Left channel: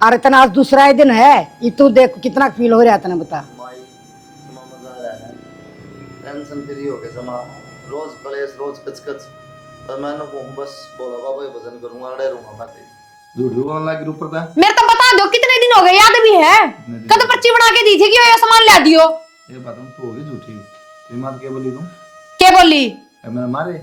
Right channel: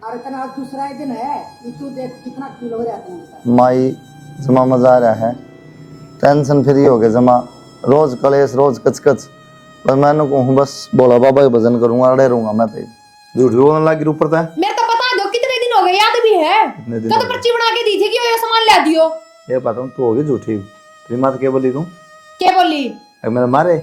अरे तना आज दूसरा ही दिन है, ये तू देख कितना फील हो रहा है तना बता। माई जमा मजा आ रहा है, टेंशन फ्री हो गए जमा। रोज कलेश रोज कचकच, पर मैंने कहूँ बस बोला बाबा के भजन करूंगा, अड़े रहूंगा मैं तो। झूठ बोलने लगी ऊपर था। मेरे तो बता दो कितने दिन हो गए, याद भी है? कद पर्ची बना के दी थी कि ये सामान ला दियो। ये पता तू होगी झूठी, तेरी मात क्या बोली तू? क्या बोली? मेरे मारे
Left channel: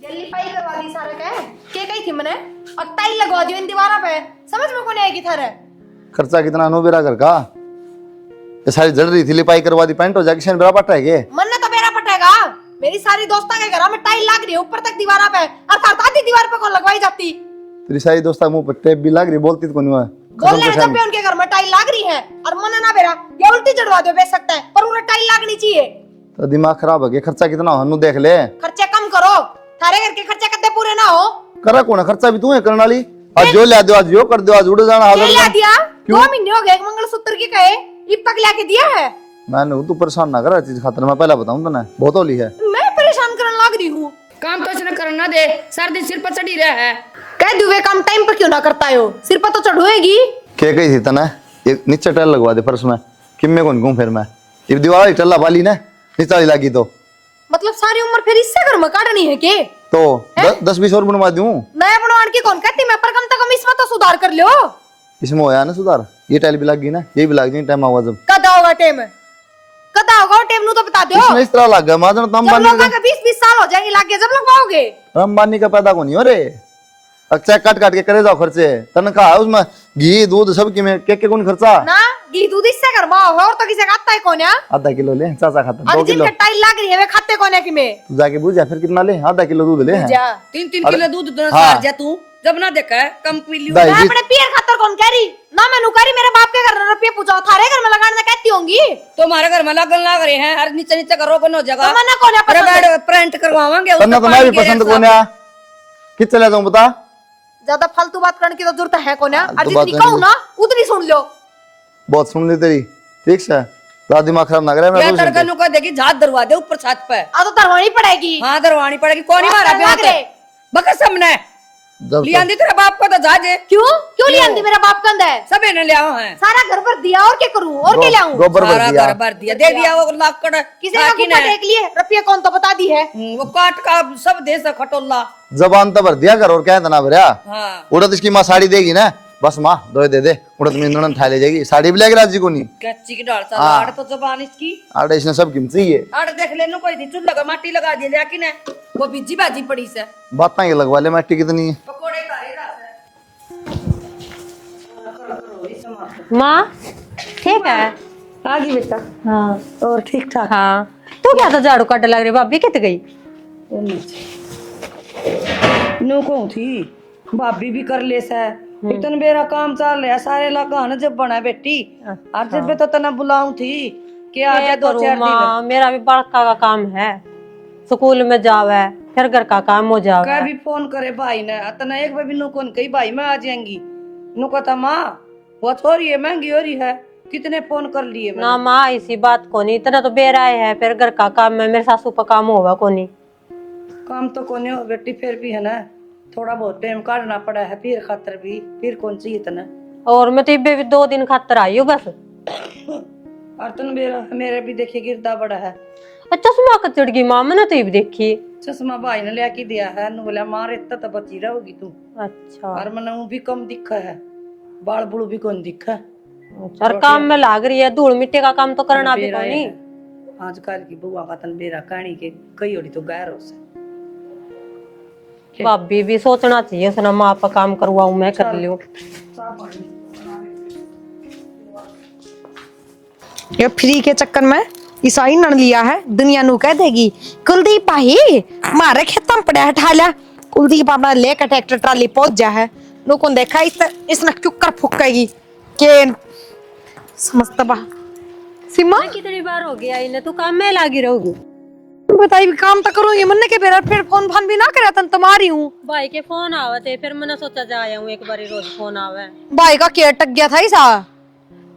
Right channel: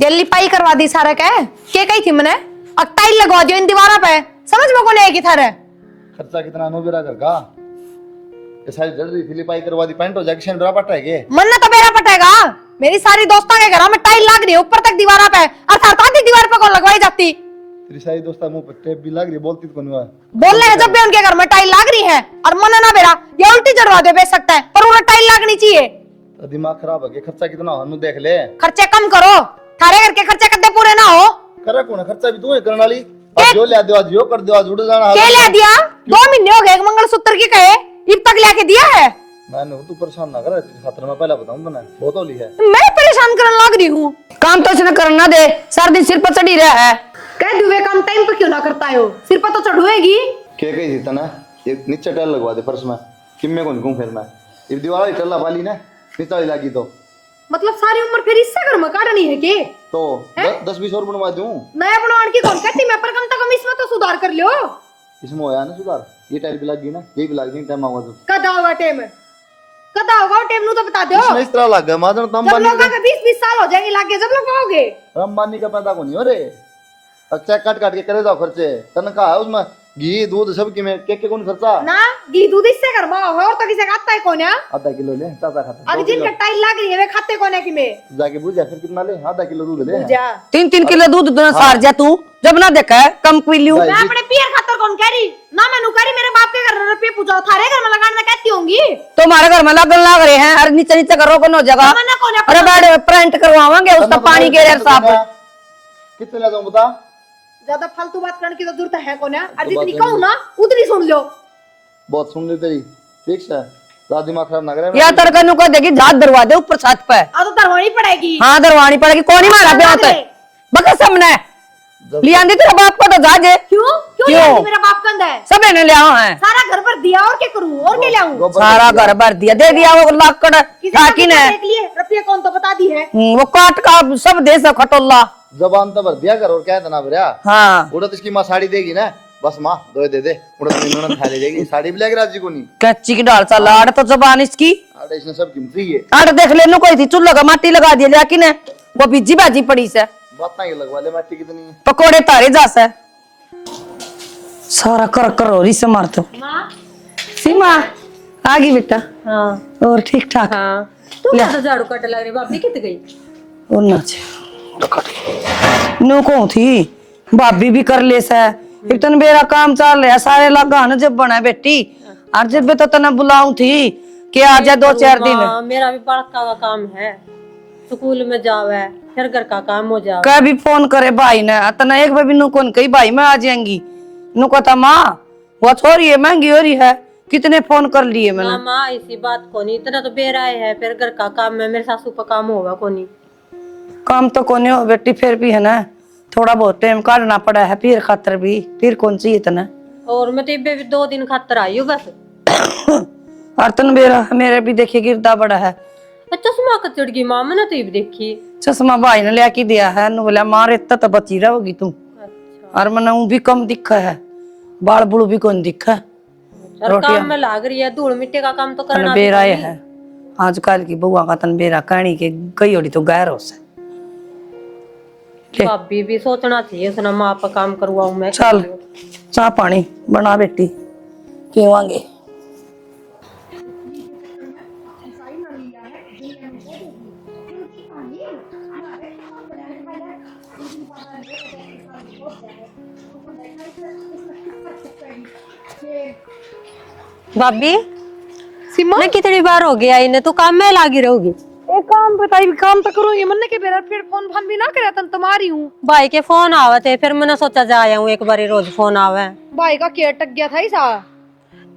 जल्दी पाई करवा दी सारा के कही थी मैंने, और टाइल लगवा दियो इन दीवारों पे। समझ में कौन आएगी थारे? खर्चा कितना नो बेरा घर का, ये सारी जड़ रही थी, लिपाई करवा दी, पेंट हो जाके शायद बेरा पट है। मन तो मेरा पटेगा, मेरी सारी दोस्तों के घरों में टाइल लग रही है ऊपर तक दीवारों पे, अर्थात आधी दीवार पे कौन लगवाई जाती? तेरी सारी दोस्ता मुंह पर टेप भी लग रही, बोलती तो कौन हुआ? बोलने है जब भी उनके घर में टाइल लग रही है, और मन ना मेरा ये उल्टी जड़वा दे बेच सकता है, पर उन्हें टाइल लगनी चाहिए। तो दिमाग खराब हो गया, खर्चा कितना हो देख ले। खर्चे कम करो, थारे घर के खर्चे कदे पूरे ना हो। करे कौन खर्चा भी तू है करने वाली? आज जो ले दो, आज जो कर दो, आज उड़ जाना। क्या ले दिया? 2 महीने हो गए एक मंगलसूत्र की कहे, अब तक लेके दिया है? मैंने तू परेशान ना कर चीज खातिर, मैं पहले बताऊं तने बहुत होली है। मैं परेशान करने लग रही हूँ। काम तो इसने करना दे, सारा दिन सिर पर चढ़ी रहा है। कह दुवे काम टाइम पर क्यों ना करता हो? सिर पर तो चढ़ोएगी। क्या कही थी तने? ये नीचे टाइल लगवा दे फर्श में, किम्मे कौन घूम फिर मैं ये दीवार टल्ला वाली ना नीचे वाली लगी तो मतलब सारी उम्र फिर इससे घर में काटनी है के? तो 10-20 और बनवा दूं। नया बनवाने की कौन कहती? मैं पर कम से कम इसमें तो सुधार कर लो। इसमें होया ना सुधार, ये टाइल भी लग गई ना, ये भी लग गई, टाइम आवा जब कदा होगा टाइम? कदा होगा टाइम नु तो बता दो। इसमें इस तरह लग गया माजन तम जब बानी लोग आगे 20-20 साल हो जाएंगे लाग गए, जब लोग पाओगे। अंबानी का पैदा कौन है रे? अच्छा काट काट के करे जाओ खर्चे, तनख्वाह है उसमें, घी दूध सब की में के कौन खर्चा ना घी दूध इससे घर में होगा, और तो किसे खाता है कौन है? आधा किलो ले, चाचा खाता 2 और किलो। जिनके टाइल लग रही है वे खाते कौन है कि में? तू जाके बुझा फिर कितना ले, आधा किलो दूध ले। जा 3-3 किलो दूध दोनों हाँ। सार जा तू, जब ना देखा है कम पीलियो। दाई मैं जी- अपने पियर खातर कौन कह रही ना? मैं नु कह रही मेरे बाप के घर में रुपये पूछो, थारे घर में लगाने कहती होंगी। तुम्हारे घर में लगन लग रहे हैं, अरे नीचे नीचे करो कोनो जगह। मना कौन है? अरे बाड़ प्रिंट करवावांगे उसका तन्ना पानी तुम्हारी के पसंद साथ। कौन है? किस चले जाऊं बता? ज्यादा फालतू बात करने की तो जरूरत है कौन है? और फालतू जितनी बात कहूं ना उतनी सुन लो। बहुत सुन ली तेरी, ठीक है ज्यादा दिमाग खराब ना करे। या तरकनु को देगी झात दरवा दे ऊपर छत पे। आ तो दरवानी पड़ेगी। हाँ दरवानी पड़ेगी, कौन ही मारा ब्याह पे? बका सबने लिया दे तेरे बाप को तो जाजे। क्यों क्यों लिया मेरा बाप कंधा है? सब ने लिया है, सारा घर भर दिया, और क्या करूं? और क्या लाऊं? सारा घर भर दिया, दे दिया वो लाकड़ साकी ने। देख लिए रुपये कौन तो बता दी है। वो काट का सब दे सब खटोला। जबान तो भर दिया कर, और क्या है तना भरया। हाँ उड़द इसकी माँ साड़ी देगी ना, बस माँ दो दे दे, उड़द ननन खा ले जाएगी, साड़ी भी लेगी राजी को नहीं। कच्ची की डाल सा लाड़ तो जबान इसकी। आड़े इसने सब कीमत चाहिए। आड़ देख लेनु कोई थी, चूल्हा का माटी लगा दिया जाकी ने, वो बीजी बाजी पड़ी से। बात ये लगवा ले, मिट्टी कितनी है? पकोड़े तारे जा से सारा कर हो रही से मार तो। माँ सीमा आ गई बेटा। हाँ और ठीक ठाक? हाँ तू क्या तो झाड़ू काट लग रही भाभी, कहते गई और नाच नो को थी भाभी भी कर ले से। एक तन मेरा काम चल रहा सारे लगा न जब बना बेटी, और जब भी तो तना बुलाऊं थी कि आ जा 2-4 दिन। मेरा भी बड़का का काम है, स्कूल में जावे, फिर घर का काम हो जावे। कभी फोन करे भाई ने, तना एक बार भी नु कौन कही भाई मैं आ जाएंगी, नु कहता माँ वो छोरी है महंगी हो रही है, कितने फोन कर लिए मैंने। ना माँ इसी बात को नहीं, इतना तो बेराए है, फिर घर का काम में मेरे सासू का काम होगा को नहीं। काम तो कोने हो बेटी, फिर भी है ना थोड़ा बहुत टाइम काटना पड़ा है, फिर खातर भी फिर कौन सी इतना। और मैं तो इब्बे भी 2 दिन खातर आई हूँ बस। और तन मेरे भी देखिए गिरदा बड़ा है। चश्मा का चढ़ गई माँ, मैंने तो ये भी देखी। चश्मा भाई ने लेके दिया है, नु बोला मारे तो बची रहोगी तू। अच्छा और मना भी कम दिखा है, बाल बुड़ भी कौन दिखा। और काम में लाग रही है, धूल मिट्टी का काम तो करना भी बेरा पड़ेगी। है आजकल की बुआ का तन बेरा कहानी के गई होड़ी तो गैर हो से। भाभी भी सोचना चाहिए उसने, माँ पर काम करवाऊं मैं। चल चाह पानी बना बेटी पीवांगे। ये फ्री के चक्कर में ईसाई नन लिया है, दुनिया नु कह देगी कुलदीप भाई मारे खेतों में पड़ा है ठाला, कुलदीप अपना लेकर ट्रैक्टर ट्राली पहुंच जा है, लोगों ने देखा इसने क्यों फुकेगी के भाभी सिमा मैं कितनी बार हो गया इन्हें, तो काम में लागी रहूगी। एक काम बताई, काम तो करूंगी मन के बेरा, फिर फोन फान भी ना करे तन तुम्हारी हूँ। भाई के फोन आवे थे, फिर मैंने सोचा जा आया हूँ एक बार, रोज फोन आवे। भाई का क्या टक गया था ऐसा?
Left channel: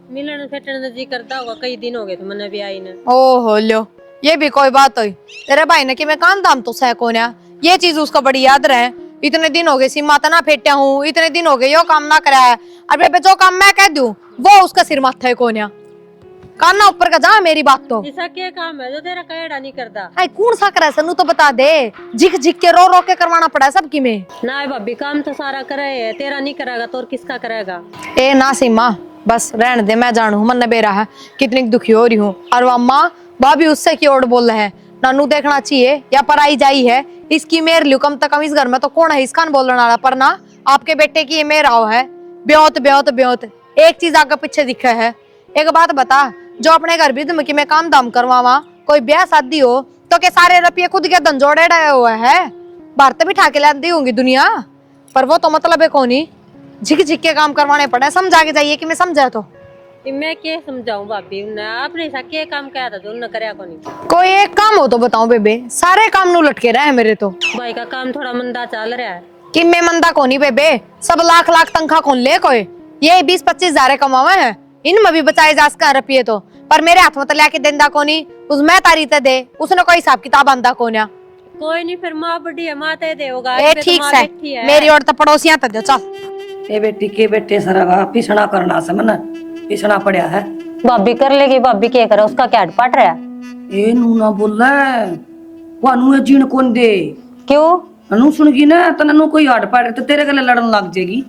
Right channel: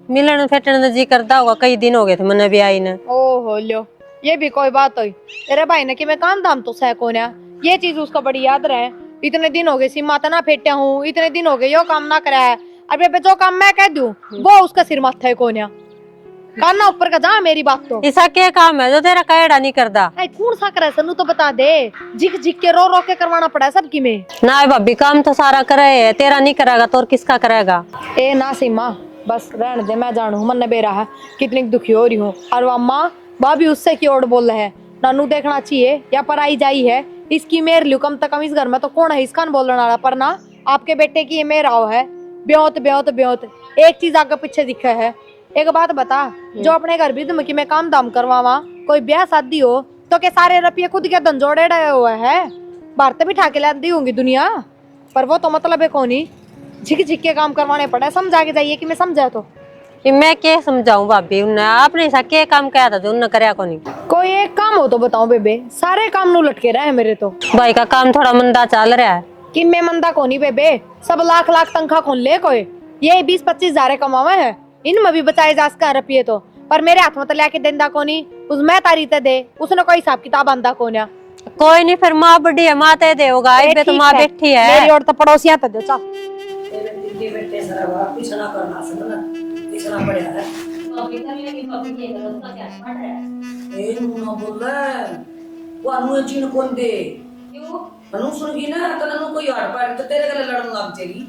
मिलन फेटने जी करता होगा, कई दिन हो गए थे मैंने भी आई ने। ओहो लो ये भी कोई बात हुई। तेरे भाई ने कि मैं काम धाम तो सह कोन्या, ये चीज उसका बड़ी याद रहे। इतने दिन हो गए सीमा तना फेट्या हूँ, इतने दिन हो गए यो काम ना कराया। अब बेबे जो काम मैं कह दूं वो उसका सिर माथा है कोन्या। काना ऊपर का जा मेरी बात तो। ऐसा क्या काम है जो तेरा कहड़ा नहीं करता? आई कौन सा करे सनु तो बता दे। झिक झिक के रो रो के करवाना पड़ा सबकी में। ना भाभी काम तो सारा करे है, तेरा नहीं करेगा तो और किसका करेगा? ए ना सीमा बस रहने दे, मैं जानू मन बेरा है कितनी दुखी हो रही हूँ। और अम्मा भाभी उससे की ओर बोल रहे हैं नानू देखना चाहिए या पराई जाई है इसकी मेर लियो। कम से कम इस घर में तो कौन है इसका बोलने वाला, पर ना आपके बेटे की ये मेरा हो है। ब्योत ब्योत ब्योत एक चीज आगे पीछे दिखा है। एक बात बता, जो अपने घर भी तुम कि मैं काम दाम करवावा, कोई ब्याह शादी हो तो के सारे रुपये खुद के धंजोड़े डे हुए हैं। भारत भी ठाके लाती होंगी दुनिया, पर वो तो मतलब है कौन झिक झिक के काम करवाने पड़े। समझा के जाइए कि मैं समझा तो। कि मैं क्या समझाऊं भाभी, उन्हें आपने ऐसा क्या काम किया था जो उन्होंने कराया को नहीं? कोई एक काम हो तो बताओ बेबे, सारे काम नू लटके रहे हैं मेरे तो। भाई का काम थोड़ा मंदा चल रहा है। कि मैं मंदा कोनी बेबे, सब लाख लाख तनखा कौन ले कोई, ये 20-25 हजार कमावा है, इनमें भी बचाए जा सका रुपये तो। पर मेरे हाथ में तो लेके देंदा कोनी, उस मैं तारी ते दे उसने कोई हिसाब किताब आंदा कोन्या। कोई नहीं, फिर माँ बड़ी है, माँ ते देगा। ए, तो ठीक माँ है, बैठी है। मेरी और तो पड़ोसियां ते दो चल। ए बेटी के बेटे सरागा पिसना करना से मन पिसना पड़ा है। भाभी कर लेगी, भाभी क्या करे, उसका क्या पट रहा है? ए नू ना बोल वानू जीण कौन दे। क्यों? नू सुनगी ना तो नू कोई हट पाड़ तो तेरे गले लड़न लग जाएगी।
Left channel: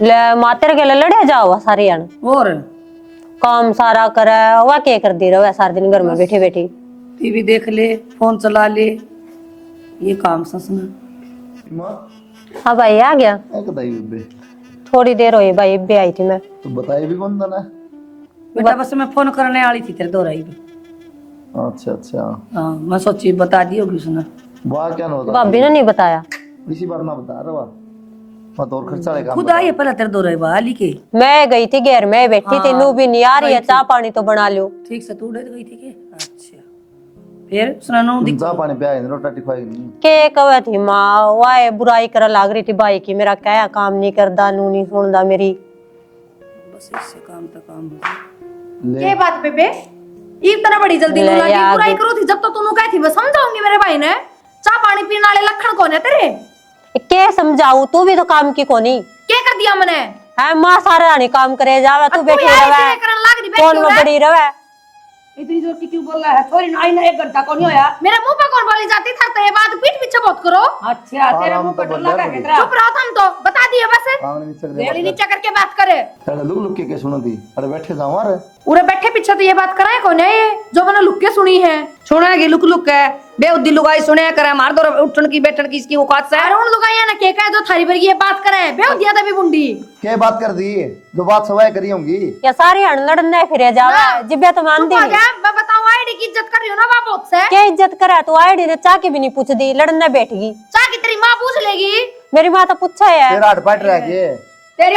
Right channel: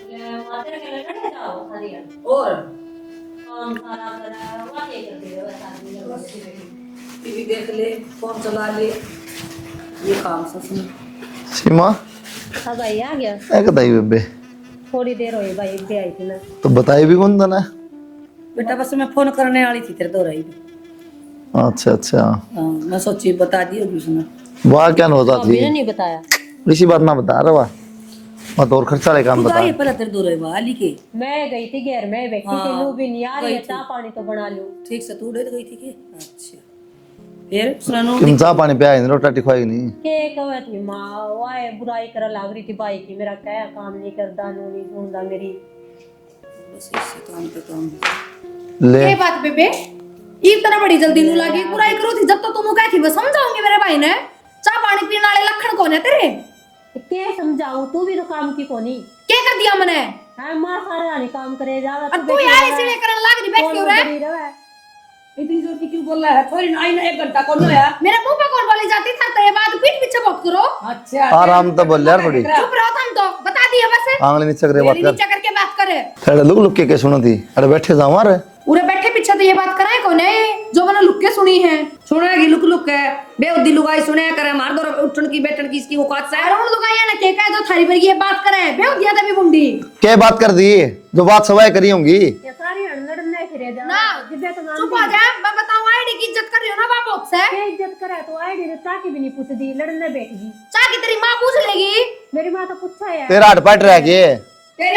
ले मातेर के लड़े जाओ सारी जन, और काम सारा करे वह क्या कर दी रहो सारा दिन घर में बैठी बैठी। टीवी देख ले, फोन चला ले, ये काम सस में। सीमा हाँ भाई आ गया, क्या बताई बेबे? थोड़ी देर हुई भाई, अभी आई थी मैं। तो बताई भी कौन था ना? बेटा बस मैं फोन करने वाली थी तेरे दोराई में। अच्छा अच्छा, हाँ मैं सोची बता दी होगी सुना। वाह क्या होता भाभी ने नहीं बताया। इसी बात ना बता रहा वाह, मत और खर्चा वाले काम खुदा बता। ये पहले तेरे दोराई वाली के। मैं गई थी घर में बैठी थी, नू भी नहीं आ रही है, चाय पानी तो बना लो। ठीक से तू डर गई थी के? अच्छा फिर सुनानो तुम चाह पानी पिया नहीं, रोटी खुआई नहीं? के कवे थी माँ, वाह बुराई कर लाग रही थी भाई की, मेरा क्या काम नहीं करदा, नू नहीं सुनदा मेरी। बस इससे काम पे काम ले ये बात बेबे इतना बड़ी जल्दी ले नो लगी याद। बुराई करो थी, जब तो तूने कही थी मैं समझाऊंगी मेरे भाई ने। चाय पानी पीने वाले लक्षण कौन है तेरे? के समझाऊं, तू भी तो काम की कोनी क्या कर दिया मैंने? है। माँ सारे रानी काम करे जावे, तू अब बैठी तू यहाँ रहे, ऐसे करने लग रही, कौन बैठी में हो बड़ी रहे। इतनी जोर की क्यों बोल रहा है? थोड़ी आई ना 1 घंटा कौन होया? मेरे मुंह पे कौन बोली जाती था तो ये बात पीठ पीछे बहुत करो। अच्छा आराम तो बोल यार बड़ी। चुप रहो तुम तो, बता दिए बस। आंगली नीचे करे बात मेरी कर। नीचे करके बात करे। अरे लुक लुक के सुनो थी, अरे बैठे जाओ मारे। उरे बैठे पीछे तो ये बात कराए कौन है जो मैंने लुक के सुनी है? सुनेगी लुक लुक है बेउद्दी लुगाई सुने करे मार दो उठन की बैठन की इसकी औकात से। अरे उन लुगाइया ने के कहा जो थारी पर ये बात करे बेउदिया तभी बुंडी। क्या बात कर दी जो बात सवाई करी होंगी? क्या सारी हण लड़ने फिरे जावे, जिब्बे तो मानती चुप हो नहीं। जा, मैं बताऊं आईडी की इज्जत कर रही हो ना बाप से। क्या इज्जत करे तू? आईडी ने चाह की भी नहीं पूछ दी, लड़ने बैठ गई। चाह की तेरी माँ पूछ लेगी। मेरी माँ तो पूछा है। तेरा हट पट रह गए। तेरी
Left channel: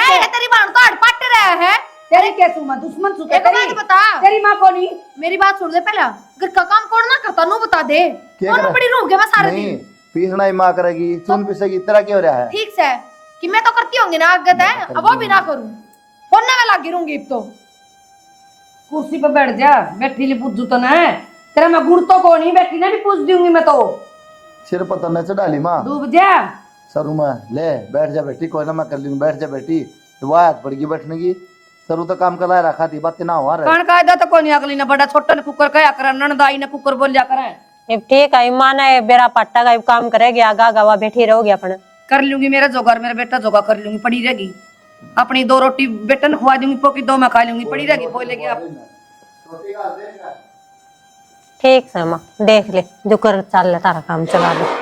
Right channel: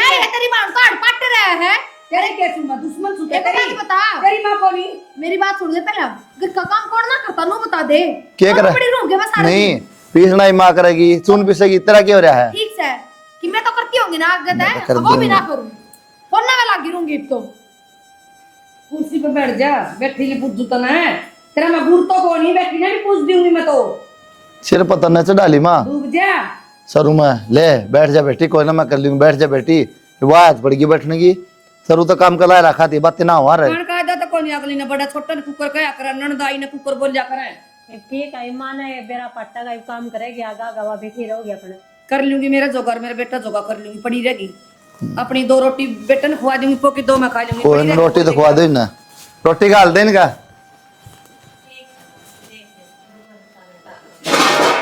माँ तो हड़पट रहा है। तेरी कैसी मां दुश्मन सुते एक बात बता, तेरी मां कौन? मेरी बात सुन ले पहला। घर का काम कौन ना करता नो बता दे। क्या और करे? बड़ी रोगे मैं सारे नहीं पीसना ही माँ करेगी, सुन पिसेगी, तेरा क्या हो रहा है? ठीक से कि मैं तो करती होंगी ना आगत है, कर अब वो भी दूंगी। ना करूं। कौन ना मैं लागी रहूंगी अब तो। कुर्सी पे बैठ जा, बैठी ली पूछ तो ना है तेरा। मैं गुड़ तो को नहीं बैठी ना भी पूछ दूंगी मैं तो। सिर पर तन्ने से डाली माँ डूब जा। सरू में ले बैठ जा बेटी, कोई ना मैं कर लूंगी, बैठ जा बेटी। आवाज पड़ेगी बैठने की, सरू तो काम कला रखा थी बातें ना हमारे। कौन कायदा तो कोनी अगली ने बड़ा छोटा ने कुकर कया कर, ननदाई ने कुकर बोल जा करे। ये ठीक है, माना है बेरा पट्टा का काम करेगी, आगा गवा बैठी रहोगी अपने। कर लूंगी मेरा जोगर, मेरा बेटा जोगा कर लूंगी, पड़ी रहेगी। अपनी 2 रोटी बेटा ने खवा दूंगी, पोकी 2 मैं खा लूंगी, कोई पड़ी नहीं रोटी तो खुआ दे ना, रोटी का हल दे इनका। ठीक है माँ, देख ले जो कर चल ले तारा काम चला दे।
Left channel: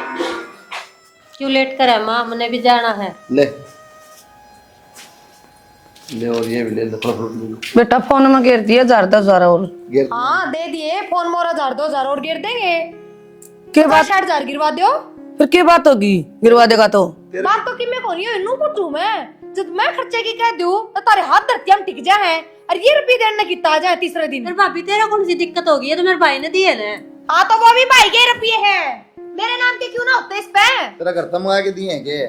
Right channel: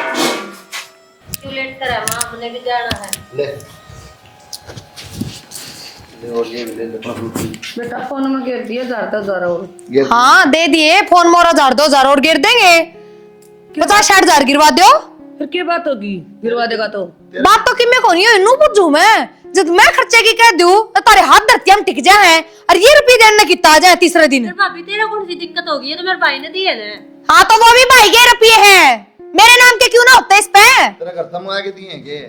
क्यों लेट करे माँ, हमने भी जाना है। ले ले और ये भी ले दे रोटी। बेटा फोन में घेर दिया 1000 और। हाँ दे दिए, फोन मोरा 2,000 और गिर देंगे। 50-60 गिरवा दो। फिर क्या बात होगी गिरवा देगा तो? बात तो कि मैं कोनी है नू पूछूं मैं। जब मैं खर्चे की कह दूं तो तारे हाथ धरती हम टिक जाए और ये रुपये देने कितना आ जाए तीसरे दिन। भाभी तेरा कौन सी दिक्कत होगी, ये तो मेरे भाई ने दिए ने। हाँ तो वो भी भाई के रुपये हैं, मेरे नाम के क्यों ना होते इस पे? तेरा घर तक मंगा के दिए हैं के?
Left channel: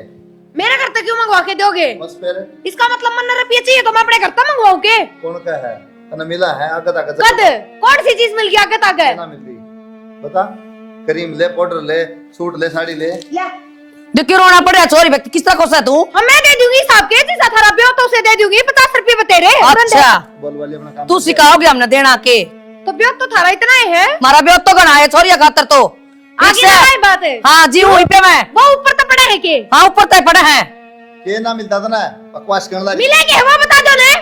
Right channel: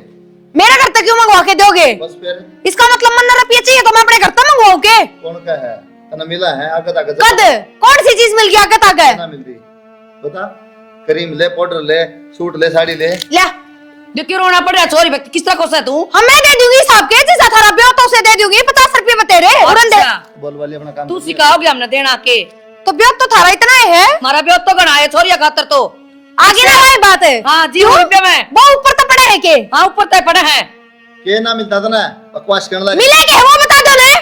मेरा घर तक क्यों मंगवा के दोगे? बस फिर इसका मतलब मन रुपये चाहिए तो मैं अपने घर तक मंगवाऊं के? कौन का है तना मिला है आगे तक कद कौन सी चीज मिल गया आगे तक? ना मिलती बता, क्रीम ले, पाउडर ले, सूट ले, साड़ी ले। ले जो क्यों रोना पड़े छोरी व्यक्ति किस तरह खोसा तू? हम मैं दे दूंगी साहब के जैसा थारा ब्याह तो उसे दे दूंगी 50 रुपए में तेरे अच्छा बोल वाली अपना काम तू सिखाओगे हमने देना के? तो ब्याह तो थारा इतना ही है। हमारा ब्याह तो गणा है छोरिया खातर तो आगे ना भाई बात है। हाँ जी वहीं पे मैं वो ऊपर तो पड़ा है के हाँ ऊपर तय पड़े हैं के ना मिलता था ना बकवास करने लगे मिलेंगे वो बता दो ने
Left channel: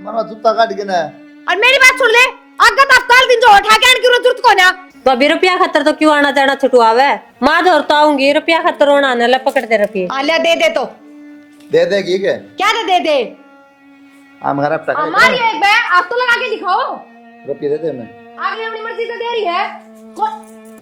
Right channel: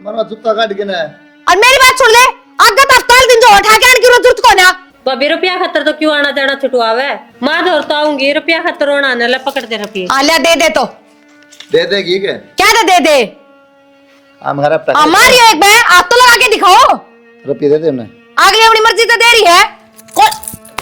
मरवा जूता काट के ना। और मेरी बात सुन ले आगे तो हफ्ताल दिन जो उठा के आने की जरूरत को ना तो अभी रुपया खतर तो क्यों आना जाना छुटवावे? माँ धोर तो आऊंगी रुपया खतर होना ना ला पकड़ दे रुपये। आलिया दे दे तो दे देगी क्या? क्या दे हम घर पे हमारी एक मैं आप तो लगा के दिखाओ रुपये दे दे ना। आगे अपनी मर्जी से दे रही है कौन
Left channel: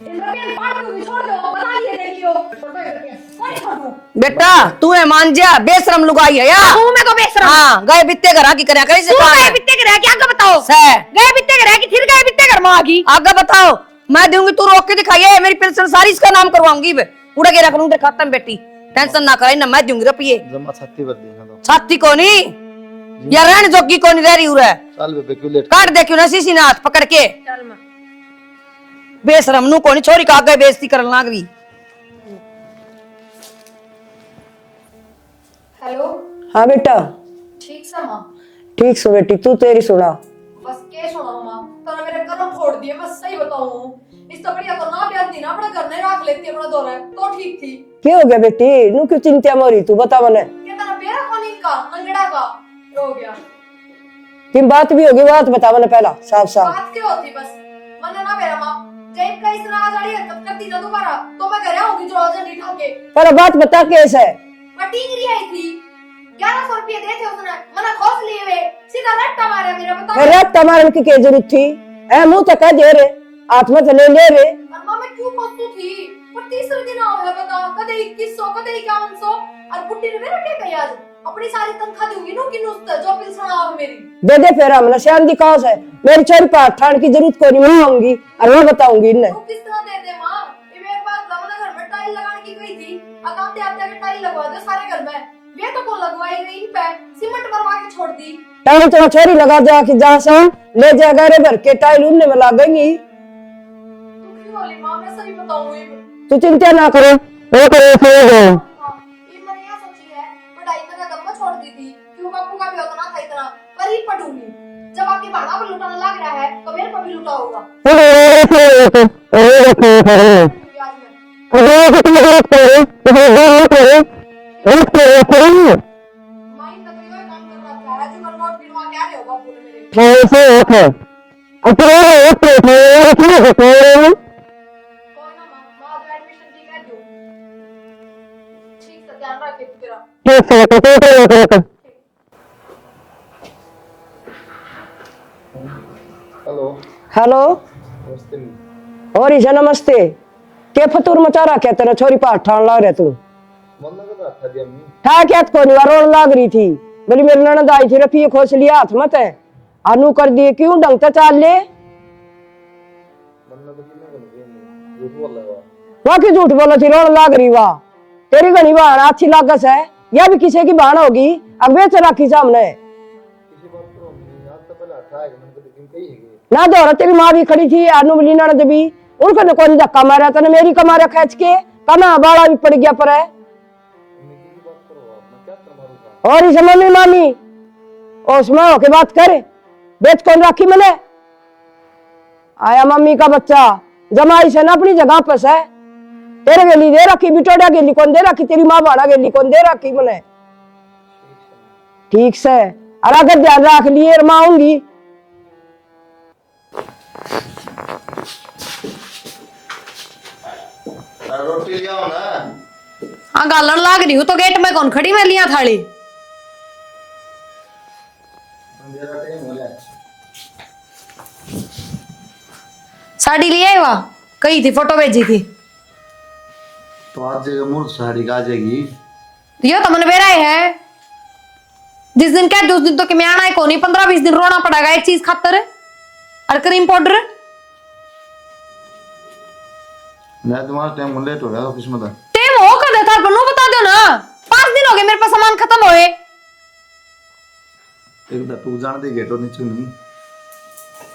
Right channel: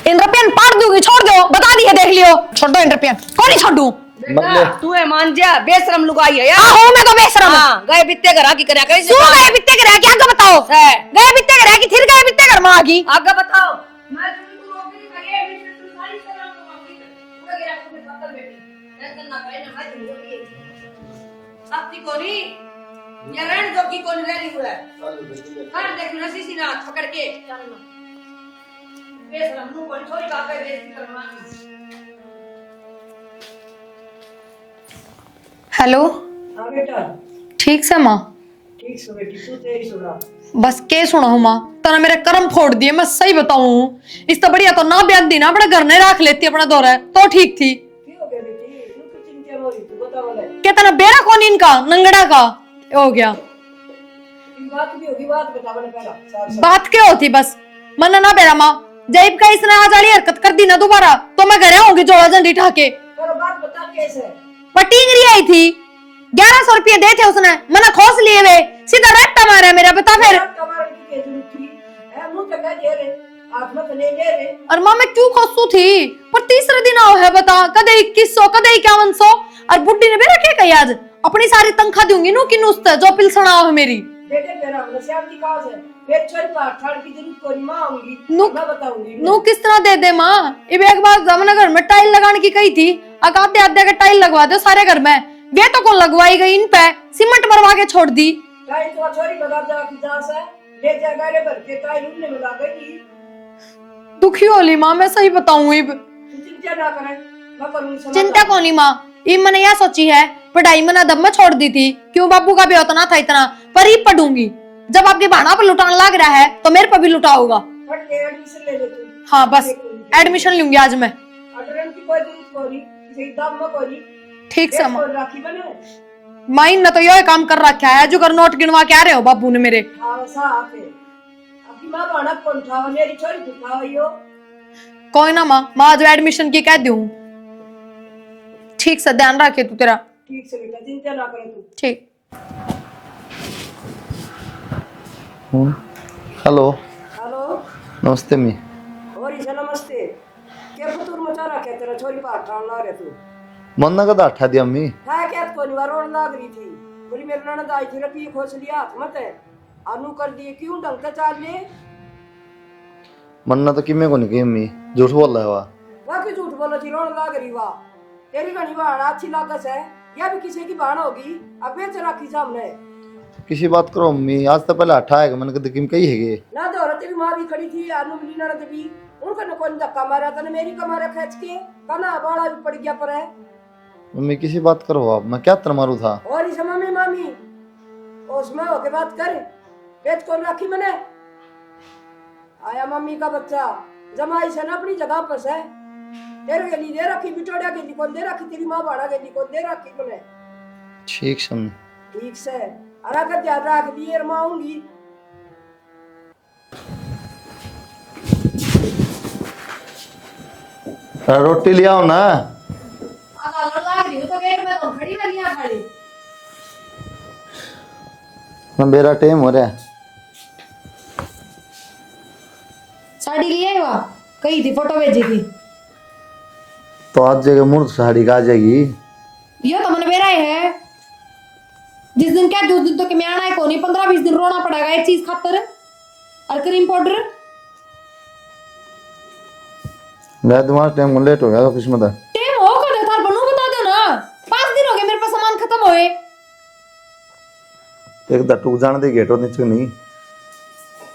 इन रुपया पाट दूंगी छोड़ दो बता दिया देख लियो छोड़ दो इन रुपया कौन ही छोड़ू बेटा तू है मान जा बेशरम लुगाई है यार। हूं मैं तो बेशरम हाँ गए बित्ते घर की करया कैसे तू गए बित्ते घर क्या आगे बताओ गए बित्ते घर की फिर गए बित्ते घर में आगी आगे बताओ मैं दूंगी तू रोक के दिखाइए मेरी पेंशन सारी इसका नाम करवाऊंगी पूरा गेरा करूँ तेरे खाते में बेटी टेंशन ना करे ना मैं दूंगी रुपये जमा 36 वर्ष छाती को नहीं या रहने जोगी को नहीं रह रही उरे साल पे क्यों लेट काट दे क्यों ना सीसी नाथ पकड़ के बेशरम नु कोनी छोरी का आगे बेइज्जती करन लाग रही। हेलो हाँ बेटा ठीक से माँ ठीक सो बेटी तू तेरी सुना। बस के सुना हूँ माँ तना मेरे कर्म फोड़ दिए मैं सही बताऊं इस तो बढ़िया तो ना ब्याह दी ना अपने घर नहीं रख लेती अपना दौरा तो ठीक थी। क्या हो गया बेटी नू क्यों चिंता मोरी तू बता मने क्या तना बेरा कौन इनका नंगड़ा का हो गया कि बात भी होगी बात बता मने पहला साफ साफ बात क्या होती बस मन ना बेरा माँ जैब का इसने आज वाली हरकत कर दी ना दोबारा तो मैं घर आऊंगी जोड़ा झंडी ठाके पहला बात बता कैसे है। पटीगरी आई थी 1100 रुपये दे थे उसने मना खोस लिए वे सीधा रट्टा मारा मेरा बता अरे तुम्हारे की क्या जरूरत थी ए मुंह तक दे रे आत्मा तो ले ले रे और माँ मैं क्यों खोसू थी पर तीसरे दिन आओ है बता कदे 2100 कदे 5100 और बुड्ढी ने मेरा क्या कही आज अपनी सारी तनख्वाह दूंगी नु कि नुस्ते जो पिलसना हो मेरी दे दे फिर हमने शान दी काज है मेरी चोरी पर ठाण की जरूरत कोई नहीं मैं आऊंगी मैं बताऊंगी इन्हें नु किस तरह दे दे माँ इब एक बार जमना घर में टाइल लगाने की कही थी आधे आधे का टाइल लगवा दो सारे घर में वे तो कौन लगवाई गई इन पे सीमेंट मरवा के छोड़ दी टाइल तो छोरी लगा जा कि जहां से ले जाएगा रे भर के टाइल उन्हें में लागेंगी। दुखी होली माँ मैं सही बताऊं इब तू चिंता ना करो चिंता होनी माँ इब मैंने यह सोची है पढ़ाई मैंने दब में छोड़ दी थी क्यों बाबू का भी उतना था इतना पर ही पढ़ूंगी जब आपके भाड़ा पर लुटाने लग रहा है तो मेरे पर भी लुटा होगा। हाँ, एडमिशन लूंगी आज मैं ठीक है माइन ने तो यह काम कर रखा है जो कर नोट गिनवा के आ रहे हो बाबू ने मेरे कोई ना माँ माँ आज एडमिशन की कह दूं ठीक से ध्यान रखे तू तेरा ठीक। हेलो हेलो नमस्ते मी और ईशा नमस्ते के फतूर मचा रहा क्या तेरा छोरी पाठ ठाण लाग रहा तू मन ना कदा अठा दी अम्मी था क्या को नहीं रोड लाग रही थी बोली मेरी ननद आई थी रफी खोस लिया हाथ मत है अनु कर दिए क्यों ढंग से चाल ले मन ना तो किमे को नहीं की अम्मी झूठ बोल रहा है वहां की झूठ बोला थी रोड लाग रही वाह तेरी घनी बहन अच्छी लागस है या भी किसी की बहन होगी अब बेच रखी सामने किसी बात करो अम्मी आज तो पहले अठा है मन कद किम कही है ना दौरा तेरी माँ भी खड़ी थी अनु बोली ननद भी उनको ने कौन धक्का मारा था मेरी कमारा खींच के कना बाड़ा भी पड़ गया पर है मम्मी किसी बात करो आप मैं क्या तर मारू था और इसे मम्मी मामी उसमें होके बात करे बेच कौन राखी मैंने आया मम्मी का बच्चा जमाई से ना अपनी जगह पर है तेरे गेली दे रखी बिटोड़ा गेली कौन दे रखी तेरी माँ बाड़ा गेली कौन दे रखी मैंने ठीक समझ ठीक से और अगर ध्यान रख लिए माँ आऊंगी रोटी ले आओ ना हाँ गालन लाग रही हूँ तो गेट में कौन खड़ी मैं लिया थाली मेरा टाइम हो रहा है साड़ी लिए वहाँ कही थी फोटो भेजी थी तो आज जगह मूर्ख साड़ी का आ जाएगी ये तो मन मेरा है जिस दिन क्या उस दिन तो कि मैं आना है को नहीं 15-20 दिन रोना पड़ेगा एक चीज खातर और क्रीम पाउडर मैं तुम्हारा टाइम लेट हो गया ऑफिस में तक टेम हो कर देता पर नो बता दो ना 5 दिन हो गए मेरे पास सामान खत्म होए एक दा टूक जाने दे गेटो नीचे नहीं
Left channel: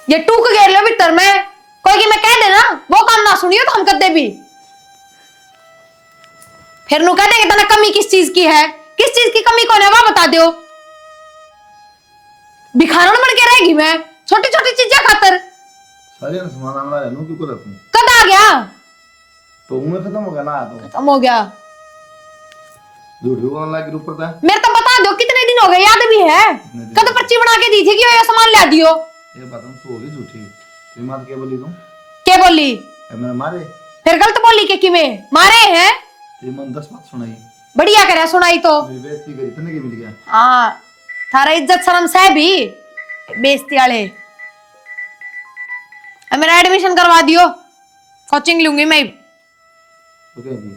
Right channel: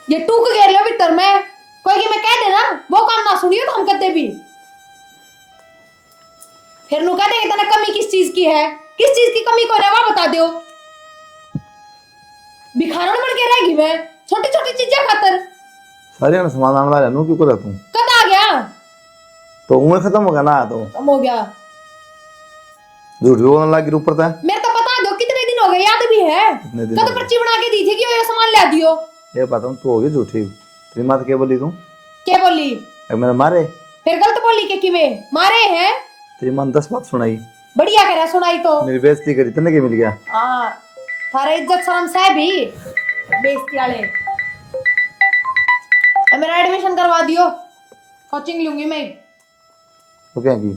ये टूक गए लो भीतर में कोई कि मैं कह दे है ना वो काम ना सुनियो तो हम कर दे भी। फिर नु कहते कि तने कमी किस चीज की है, किस चीज की कमी को है वो बता दो। भिखारन बन के रहेगी मैं छोटी छोटी चीजें खातर। सारे ना समाधान वाला नु क्यों कर तू कद आ गया तो उम्र खत्म हो गया ना तो खत्म हो गया। झूठ बोलने लगी ऊपर तक मेरे तो बता दो कितने दिन हो गए, याद भी है कद पर्ची बना के दी थी कि ये सामान ला दियो। ये पता हूं तू होगी झूठी तेरी मात क्या बोली तू क्या बोली? मेरा मारे फिर गलत बोली के किवें मारे हैं? तेरी मन 10 बात सुनाई बढ़िया करे सुनाई तो मेरी बेइज्जती करी तने के मिल गया। हाँ थारा इज्जत शर्म से भी बेइज्जती वाले। मेरा एडमिशन करवा दियो, कोचिंग लूंगी मैं, तो क्या की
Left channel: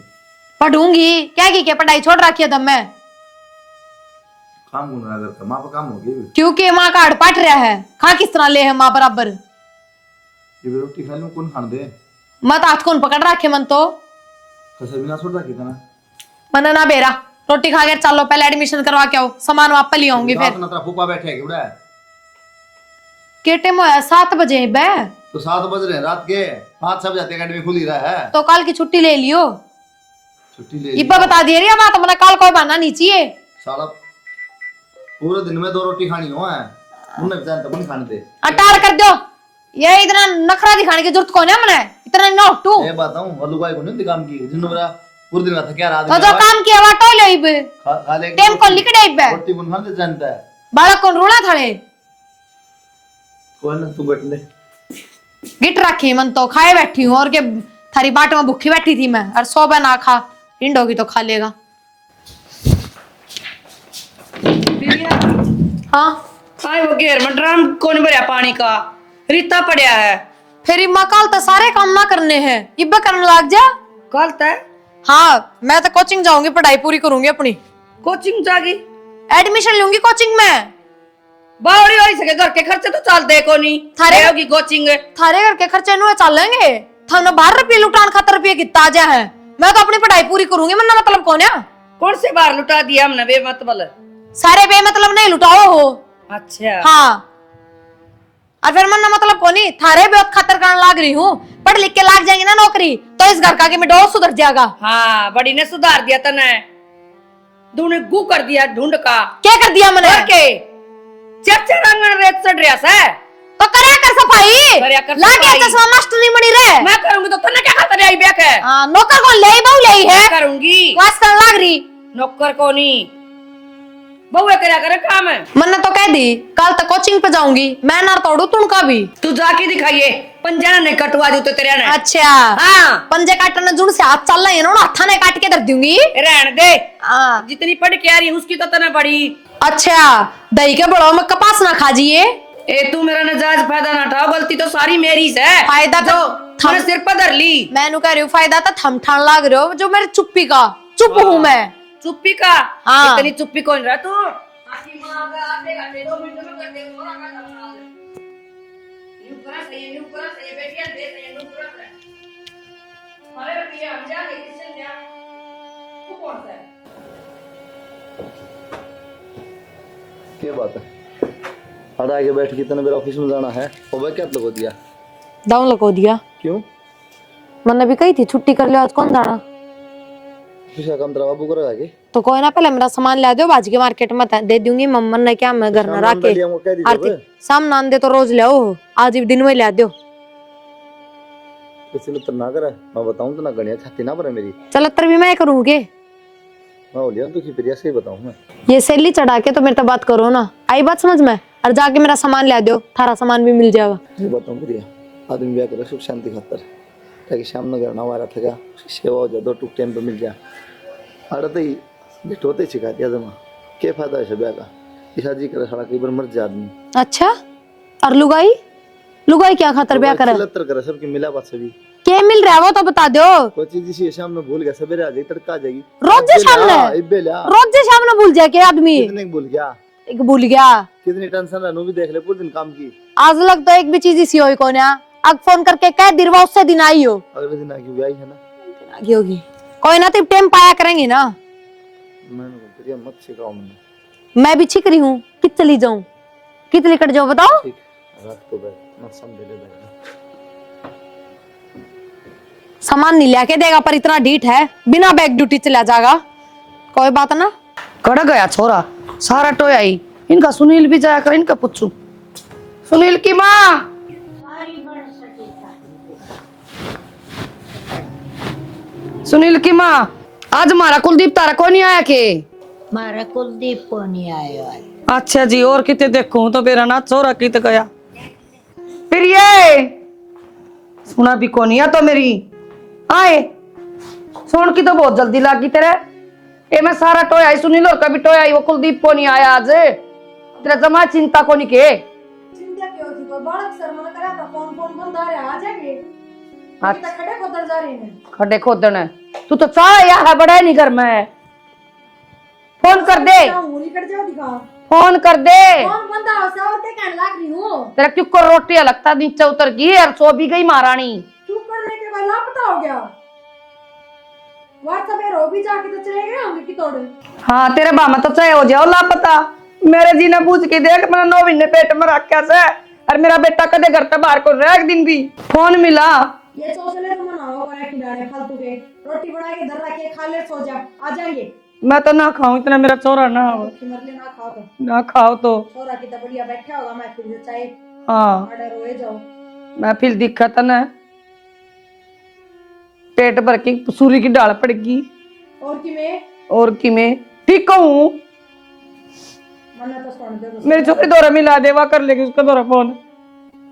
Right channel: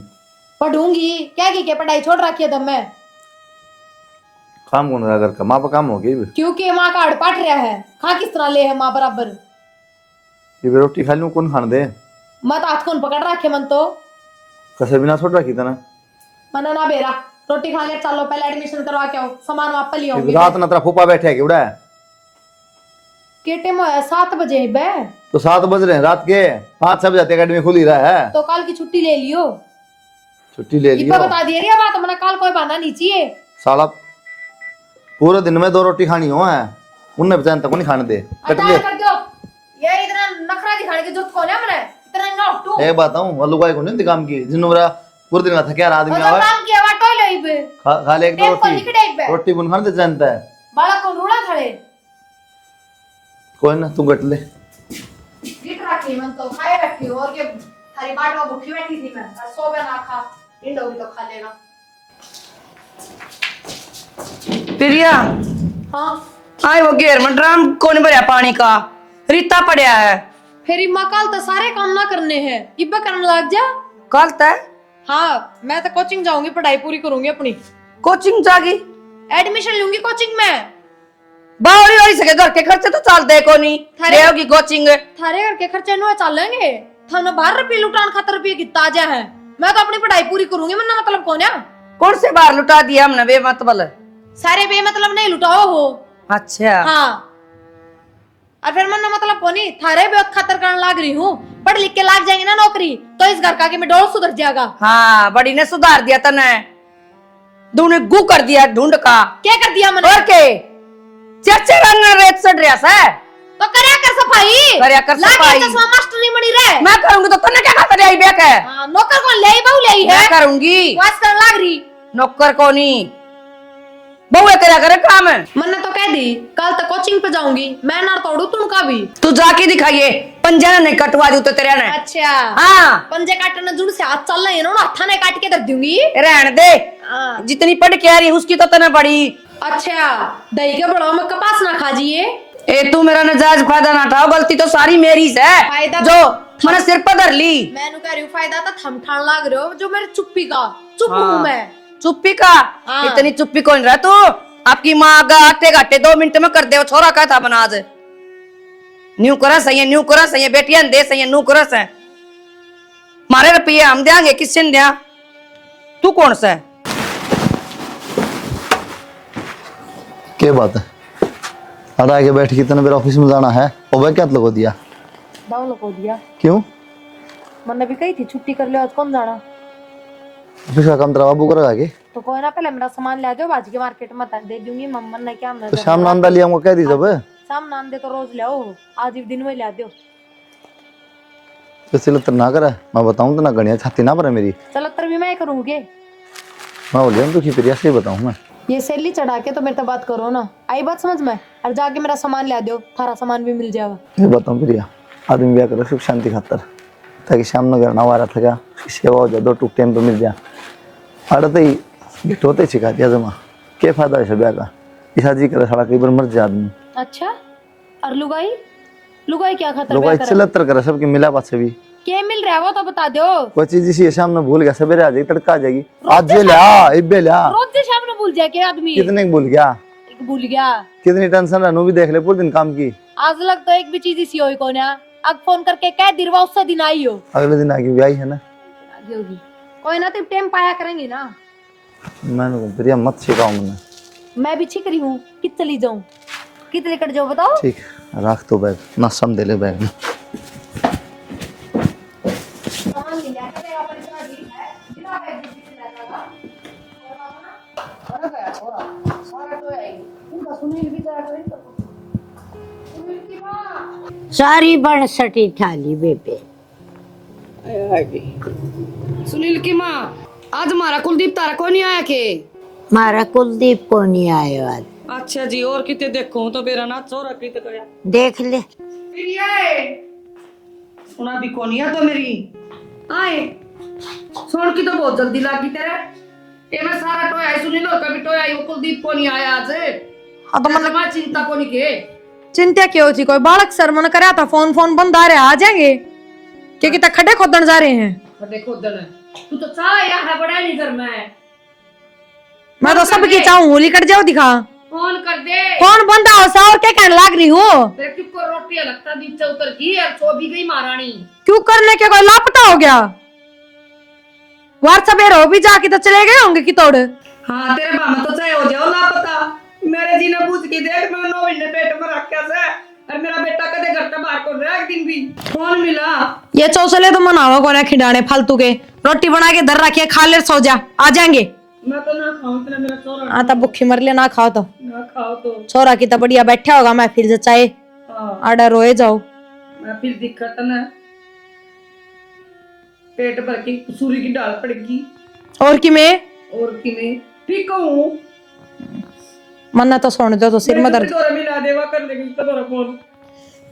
पढ़ूंगी। क्या की पढ़ाई छोड़ रखी है तब मैं, काम कौन रहा घर का माँ पर काम हो गई क्योंकि माँ का हड़ पाट रहा है। खा किस तरह ले है माँ बराबर। ये भी रोटी खा लूं कौन खान दे मत हाथ कौन पकड़ रखे मन तो कसे बिना छोड़ रखी था ना मन ना बेरा रोटी खा के चलो पहले एडमिशन करवा के आओ, सामान वापस ले आऊंगी। रात ना तेरा फूफा बैठे है उड़ा के टाइम होया 7 बजे बे तो 7 बज रहे हैं रात के 5-6 बजे अकेडमी खुली रहा है तो कल की छुट्टी ले लियो। छुट्टी ले ये लिया बता दे रही है बात, मैंने कल कोई बहाना नहीं चाहिए। साला पूरे दिन में 2 रोटी खानी हो है उनने बेचान तक नहीं खाने दे अटार कर दो, ये इतना नखरा दिखाने की जरूरत कौन है मैंने इतना नोटू। मैं बताऊं वालू का को नहीं काम की जिन मेरा पूरे दिन में थका तो आदमी जो काम किया वा टोले बे खा ले टेम को लिखड़े बे रोटी बुन खाने जानता है बालक कौन रूड़ा थाले कोई ना तू गट ले गिट रखी मन तो खाए बैठी हूँ और के थारी बाट में भूखी बैठी थी मैं और 100 ना खा हिंड होगी तो खा लेगा। प्रिया हाँ आए वो घेर में ड्राम कौन भरया पानी का रीता पड़या है। फिर इम्मा कल तो सारे काम ना करने हैं इब्बा करने लग जा। कल तक हाँ मैं तो कोचिंग जाऊंगी, पढ़ाई पूरी करूंगी अपनी, कोचिंग जागी एडमिशन लूंगी कोचिंग में। बावड़ी हो सके घर के खर्चे तो चल दे को नहीं थारे होगी कोचिंग। थारे घर के खर्चे नु चलेंगे थाने 12 रुपये लुटान खातर रुपये की ताजा है। मैं तो अपनी पढ़ाई पूरी करूंगी, मन्ना मतलब कौन है? कौन से बार लुटा दिया हमने बेमतलब? सारे बेमतलब नहीं लुटाओ हो। अच्छा हाँ और फिर मन्ना मतलब कौन ही थारे बहुत खातर करने लाग रही हूँ। पढ़ लिख के लाग जाएंगे ना नौकरी तो इस घर का कि मैं डोर सुधर जाएगा। हाँ बड़ी ने सुधार दिया तने दोनों गु कर दिया ढूंढ का। क्या कर दिया मैंने? और के चर्चे रंग रेत सड़ रहा है तो करया कर सफाई, करया कर लागे सफाई। चश्मा मास्टरी बनी रहे। मैं करूंगी तो तने क्या खातर आई बेक है? हाँ नौकर को ले बहु ले है मैं करूंगी वास करने लाग रही। नौकर को नहीं बहुए करया करे काम है। मन्ना तो कह दी कल तक कोचिंग पे जाऊंगी मैं ना तोड़ू तुनका भी। तू जाके दिखाइए पंजा ने कटवा दू तो तेरे ने। अच्छा हाँ पंजे काटने जुड़ से हाथ चल रहे हैं ना हाथा ने काट के धर दूंगी। रहने दे हाँ जितनी पढ़ के आ रही उसकी तो तने बड़ी। अच्छा दही के बड़ो में कपास ना खाजिए। ए तू मेरा नजायज फायदा ना उठाओ, गलती तो सारी मेरी है। फायदा जो तो मैंने सिर पर धर ली। मैंने कह रही हूँ फायदा तो थम ठान लाग रहे हो जो मेरे चुप्पी का चुप हूँ मैं। चुप्पी का हाँ। इतनी चुप्पी कौन रहा तू? आपकी माँ का आटे घाटे 2 मिनट में कर दे वो छोरा का था बनाज न्यू करस है न्यू करस है बेटियां दे सही न्यू करस है मारे रुपये हम देंगे किसने दिया? तू कौन सा है? क्या बात है अरे आगे बैठ के तने मेरे ऑफिस में जाना है और वह क्या लगो दिया दाव लगो दिया क्यों मैंने भी कही थी छुट्टी कर ले आज कौन जाना ऑफिस का काम तेरा बाबू करेगा के तो कोई ना पहले मेरा सामान ला दो बाज के मार्केट में दे दूंगी मम्मन ने क्या मैं घर शाम में नांदा लिया कह दी जब शाम नान दे तो रोज ले आओ आज दिन में ला दो। इसलिए तो ना करे मैं बताऊं तो ना गणिया छाती ना पर मेरी चलतर भी मैं करूँगी मैं बोल रहा हूं तो की प्रिया से बताऊं मैं ये सैली चढ़ा के तो मेरे तो बात करो ना आई बात समझ में और जाके मेरा सामान ला दो थारा सामान भी मिल जाएगा। मैं बताऊं प्रिया आदमी ब्याह करे सुख शांति खातर ताकि शाम न घर ना वारा थका सेवा हो जाए 2 टूक टाइम पे मिल जाए अरे तो गिट होते सिखा दिया जमा क्या फायदा है ब्याह का इसा जी करे साला कई बार मर जाए आदमी। अच्छा और लुगाई लुगाई क्या खातर ब्याह करे? लतर करे सबकी मिला बात से भी क्या मिल रहा है वो तो बता दो। कोई चीज इसी शाम में भूल गया सवेरे आ जाएगी तड़का आ जाएगी रोज आज शाम ला में? इब्बे ला रोज शाम में भूल जाए क्या आदमी? कितने भूल गया एक भूल गया कितनी टेंशन रहनू भी देख ले पूरे दिन काम की आज लग तो एक भी चीज इसी होई कौन है अब फोन करके कह दिरवा उससे दिन आई हो अगले दिन आगे ब्याह है ना आगे होगी कोई ना तो टाइम पाया करेंगे ना। मैंने प्रिया मत सिखाओ मैंने मैं भी छिक रही हूँ कित चली जाऊं कित लेकर जाओ बताओ। ठीक रख तो बैग ना सम दे ले बैग में सामान नहीं लेके देगा पर इतना ढीठ है, बिना बैग ड्यूटी चला जाएगा। कोई बात ना। कड़ गया छोरा, सारा टोया ही। इनका सुनील भी जाया कर, इनका पूछू। सुनील की माँ सारी बन सटी थाली बेबे। सुनील की माँ, आज हमारा कुलदीप तारा को नहीं आया के? मारा कुलदीप को नहीं आयो आज। अच्छा जी, और कितने देखो तो मेरा ना छोरा कित गया। देख ले। फिर ये सुना भी कौन या तो मेरी आए सुन की तो बहुत जल्दी लागी तेरे। ये मैं सारा टोया ही सुनील और कभी टोया ही, वो कुलदीप को नहीं आया आज। अपना जमा चिंता को नहीं के। चिंता क्यों थी? कोई बालक सर मन कराया था, फोन बंद आ रहे आ जाएंगे क्योंकि तक खड्डे खोदन जा रहे हैं। खड्डे खोदन है तू तो चाह या है बड़ा नहीं घर में। मैं तो सबकी चाहूं होली कट जाओ दिखा। फोन कर दे। कौन बंदा हो सा और क्या कहने लग रही हो? तेरा क्यों कर रोटी लगता नीचे उतर गई और सो भी गई महारानी। क्यों करने के कोई लापता हो गया? वार सवेरे हो भी जाके तो चले गए होंगे कि तोड़। हाँ तेरे बामा तो चाहे हो जाओ लापता। मेरे जी ने पूछ के देख, मैंने 9 महीने पेट में रखा से और मेरा बेटा कदे घर से बाहर को रह एक दिन भी फोन मिला। ये चौसले तो मनावा को ना खिडाने फालतू के। रोटी बना के धर रखिए, खा ले सो जा, आ जाएंगे। मैं तो ना खाऊं इतना, मेरा छोरा ना हाँ तो भूखी मर ले, ना खाओ तो। ना खाओ तो छोरा की तो बढ़िया बैठा होगा, मैं फिर चाहे हाँ आडा रोए जाओ। मैं फिर दिक्कत ना पेट भर के सूरी की डाल पड़ेगी। और कि मैं ठीक कहूं? मन्ना तो सुन दो तो सिर में दर्द। दौरा मिला देवा कर लेगी उसका दौरा फोन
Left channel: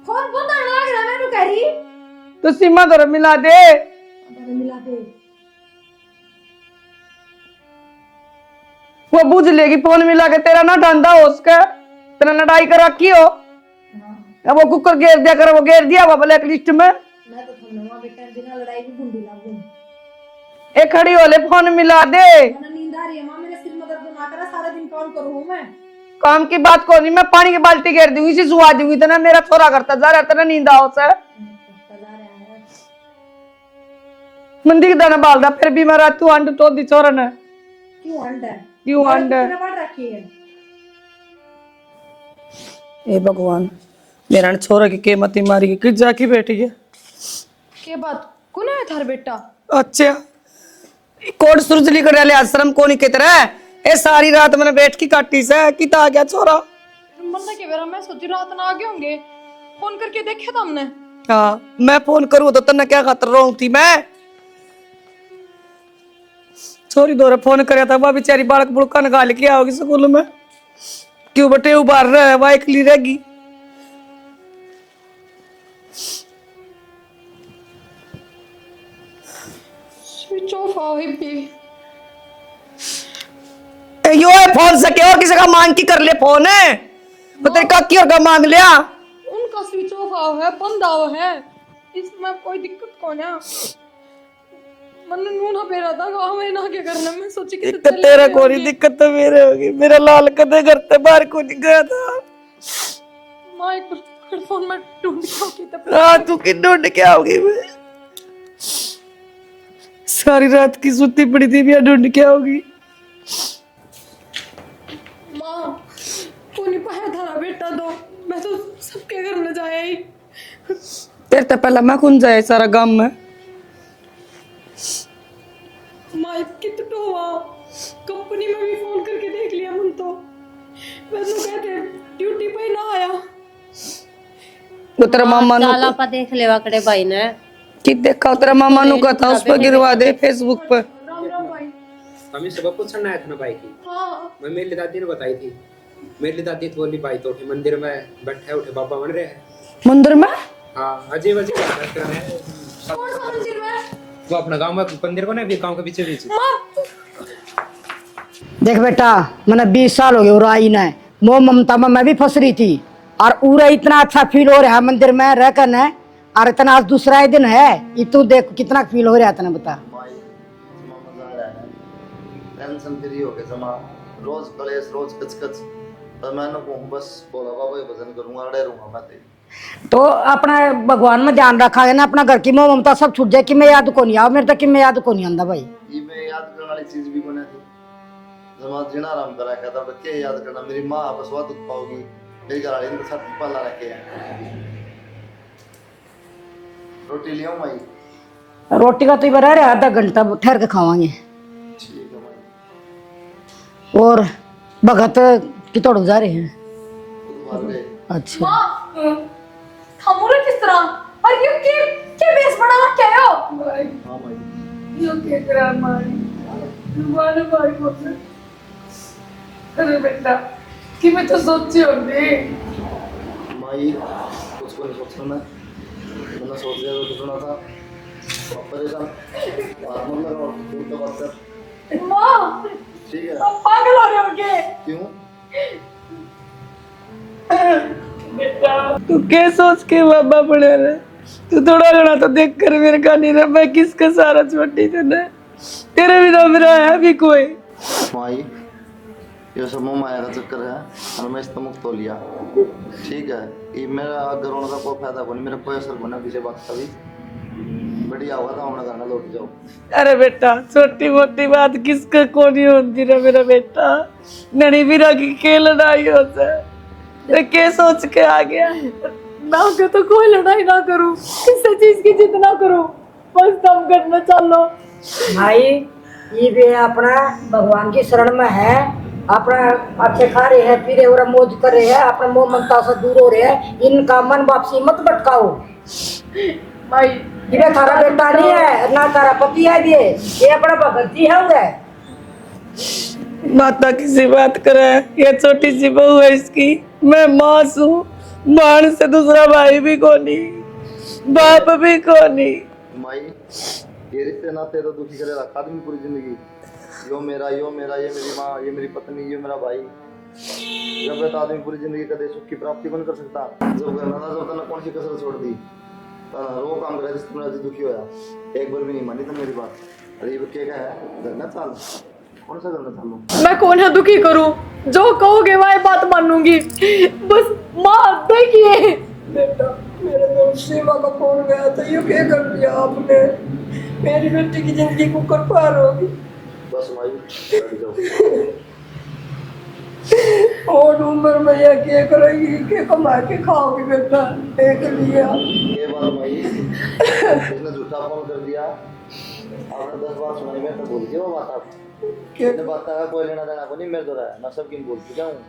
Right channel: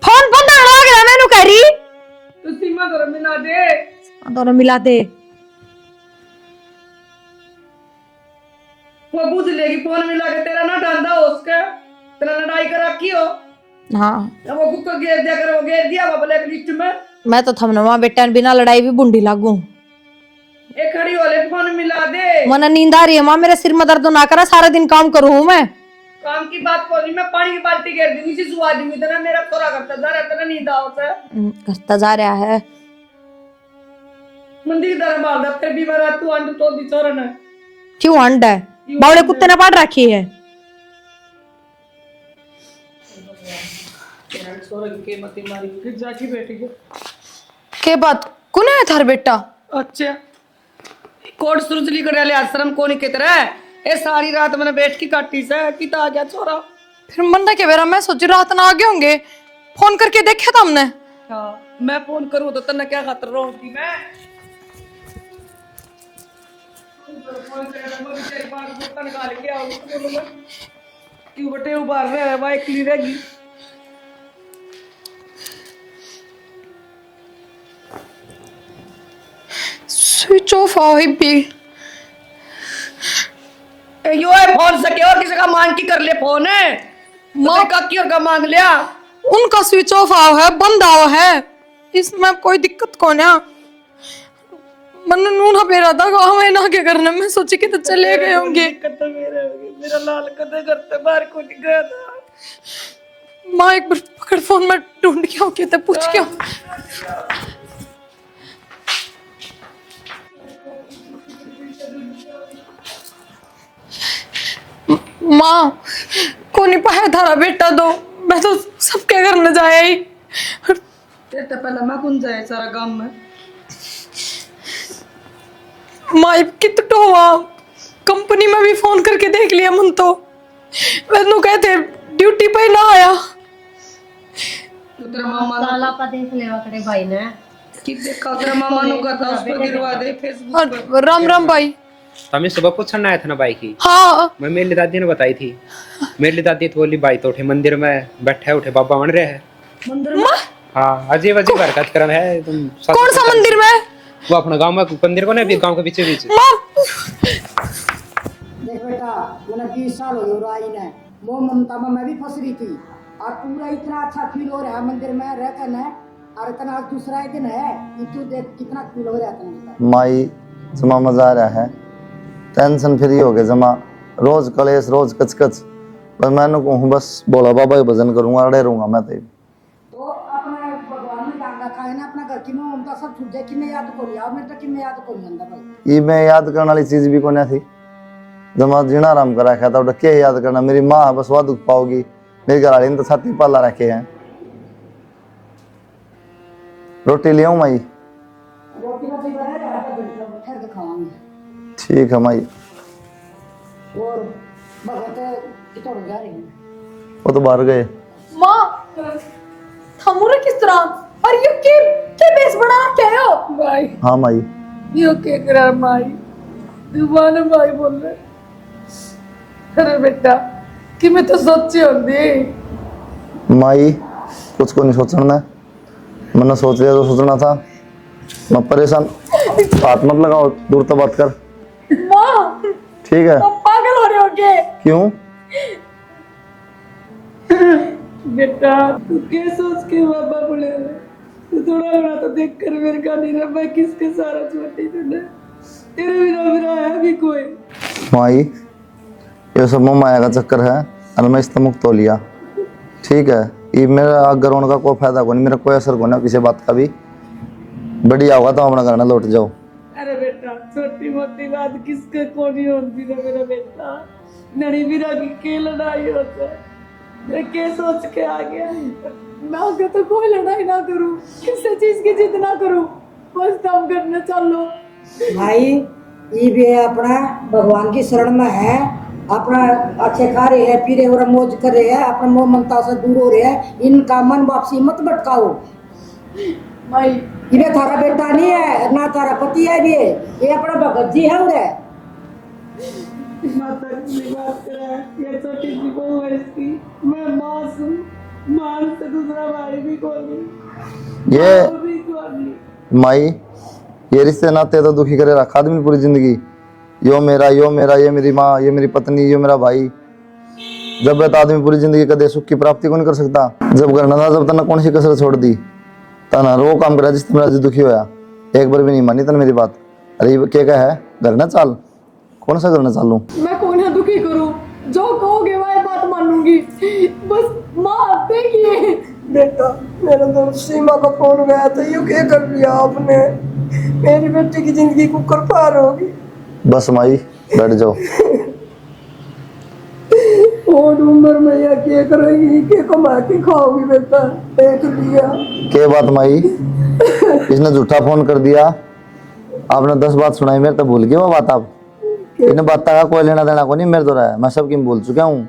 बंद हो गया। मैंने कह रही तो सीमा दौरा मिला दे। दोनों मिला दे। वो बुझ लेगी फोन मिला के। तेरा ना डंडा हो उसका, तेरा लड़ाई कर रखी हो। हाँ अब वो कुकर घेर दिया कर, वो घेर दिया वो ब्लैक लिस्ट में। मैं तो थमना वहां बेटा बिना लड़ाई भी बुंडी लागू। ए खड़ी वाले फोन मिला दे। मना नींद आ रही है माँ, मेरे सिर में दर्द ना करा, सारा दिन काम करूँ मैं। काम की बात को नहीं, मैं पानी की बाल्टी घेर दूंगी, इसी सुहा दूंगी। इतना मेरा छोरा करता जा रहा, तेरा नींद आओ से करता जा रहा है। मंदी के दाना बाल दा, फिर भी मैं रात को अंड तो दी छोरा ने। क्यों अंड है? क्यों बावले अंड है? कुत्ते ने पाड़ रखी है। ए भगवान, मेरा छोरा की कीमती मारी की किस जाकी बैठी है। के बात कौन है थार बेटा? अच्छा कोट सुरजली कर डाले आश्रम को नहीं के तरह। ए सारी रात मैंने बैठ की काटी से किता आ गया छोरा। फिर मन्ना के बेरा मैं सोची रात ना आ गए होंगे, फोन करके देखा था हमने। हाँ मैं फोन करूँ तो तन्ने क्या खातर रोऊं थी मैं। छोरी दौरे फोन कराया था, वह बेचारी बालक बुड़का निकाल के आओगी स्कूल में। क्यों बटे उबार रहे, वह एकली रहेगी। स्विच ऑफ आओ भी। यो है फोन सके और किसी का मांग की कर ले फोन है। मुझे काकी और का मांग लिया। उनका स्विच ऑफ आओ है, बंद आओ है, इसमें कोई दिक्कत कौन है? मन नूना पेरा था हमें ना क्या करना। मैं सोची कि तो चले तेरा गए कोई होंगे। दिक्कत तो मेरे होगी। मेरा लाल कदे घर से बाहर को नहीं गया था। माँ एक बार पकड़ फोन में ढूंढ के आओगे तब पूछ हाँ के तू कि ढूंढ के आओगी। सारी रात की सुती पड़ी थी, भी ढूंढ के आओगी। माँ को नहीं पाया थारा बेटा दो, मैं तो सबके घर न जाया ही। तेरे तो पहला मैं कौन जाए सारा गांव में। माँ कितना हुआ, कंपनी में भी फोन करके देख लिया मन तो वैनु कहते ड्यूटी पे ना आया। तो तेरा मामा चाला पा देख लेवा करे भाई ने कि देखा तेरा मामा नु कहता उस पर गिरवा दे फेसबुक पर। राम राम भाई। हमें सुबह पूछना आया था ना बाई की। हाँ मैं मेरी दादी ने बताई थी। मेरी दादी तो बोली बाई तो उठे मंदिर में बैठे उठे बाबा बन रहे हैं मंदिर में। हाँ अजीब अजीब हरकत कर रहे हैं तुम। कौन सा मंदिर में? वो अपना गांव में मंदिर को नहीं, गांव के बीचे बीच। देख बेटा, मैंने 20 साल हो गए और आई ना मोह ममता में मैं भी फंस रही थी। और पूरा इतना अच्छा फील हो रहा है मंदिर में रहकर न। और इतना आज दूसरा ही दिन है, ये तू देख कितना फील हो रहा है, तना बता। माई जमा मजा आ रहा है, टेंशन फ्री हो गए जमा। रोज कलेश रोज कचकच, पर मैंने कहूँ बस बोला बाबा के भजन करूंगा, अड़े रहूंगा मैं तो अपना भगवान में ध्यान रखा है ना, अपना घर की मोह ममता सब छूट जाए। कि मैं याद को नहीं आओ मेरे तक, कि मैं याद को नहीं आंदा भाई। ये मैं याद करने वाली चीज भी कोने थी। जमा जीना आराम करा रखा था, क्या याद करना। मेरी माँ बस वह दुख पाओगी, मेरी घर वाली ने तो छाती पाला रखे हैं। रोटी ले आऊं माई? रोटी का तो ही बना रहे, आधा घंटा ठहर के खावांगे। ठीक है माई। और भगत की तोड़ जा रहे हैं। वो तो बाहर गए। अच्छा थमुरे किस तरह और ये के बेस बना क्या हो भाई हाँ माई। यो के करा माई दुबारा भाई बोल रहे। अरे बेटा कि मैं तो सोचे हो दे माई कुछ को नहीं सोचना, मैंने सोच लिया तो सोचना था। मैं परेशान, हाथ मत लगाओ, दूर तो बात कर। माँ ठीक है। तुम पागल हो रहे हो क्या? क्यों? बेटा तू क्या सोच के बाबा पड़े रहे? तू थोड़ा घना तो देख कर मेरे का नहीं रहा, मैं किसका सारा छोटी तूने, तेरे बिना मेरा है भी कोई। माई ये सब मोह माया का चक्कर है और मैं इससे मुक्त हो लिया। ठीक है, ये मेरा अगर उनका कोई फायदा को नहीं, मेरा कोई असर को नहीं किसी बात का भी। बढ़िया होगा तो अपना घर ना लौट जाओ। अरे बेटा छोटी मोटी बात किसका को नहीं होती ना मेरा बेटा, नड़ी बिरा की के लड़ाई होता है, मैं क्या सोच के आ गया ना के तो कोई लड़ाई ना करूं, किसी चीज की जिद ना करूं, बस दम करना चलो। भाई ये भी है अपना भगवान की शरण में है, अपना अच्छे खा रहे हैं, पी रहे और मौज कर रहे हैं, अपने मोह ममता से दूर हो रहे हैं, इनका मन वापसी मत भटकाओ। माई ये थारा बेटा नहीं है ना तारा पति है, ये अपना भगत जी है उधर। माता किसी बात करे, ये छोटी सी बहू है इसकी, मैं माँ हूँ, बाण से दूसरा भाई भी कोनी, बाप भी कोनी। माई ये रिश्ते नाते तो दुखी करे रखा आदमी पूरी जिंदगी। यो मेरा, ये मेरी माँ, ये मेरी पत्नी, ये मेरा भाई। जब तो आदमी पूरी जिंदगी कदे सुख की प्राप्ति को नहीं कर सकता। जब करना था जब तना कौन सी कसर छोड़ दी, तना रो काम करा जिस मेरा दुखी होया, एक बार भी नहीं मानी तन मेरी बात। अरे क्या है, घर ना चाल, कौन सा घर ना चालू? मैं कौन है दुखी करूं, जो कहोगे वह बात मानूंगी, बस माँ देखिए। बेटा मेरा दोस्त सीमा का फोन गया था, ये क्या कर लिया आपने, मेरी बेटी की जिंदगी कुकर पार होगी। बस माई बैठ जाओ। और उम्र में यह क्या करेगी, क्या कमा के खाओगी बेटा, देख लिया। के बात माई, इसने झूठा फोन कर दिया, आपने 10 बात सुनाई, मेरे तो भूल गए वो बात। आप इन बातों का कोई लेना देना को नहीं मेरे तो रहा है, मैं सबकी भूल चुका हूँ।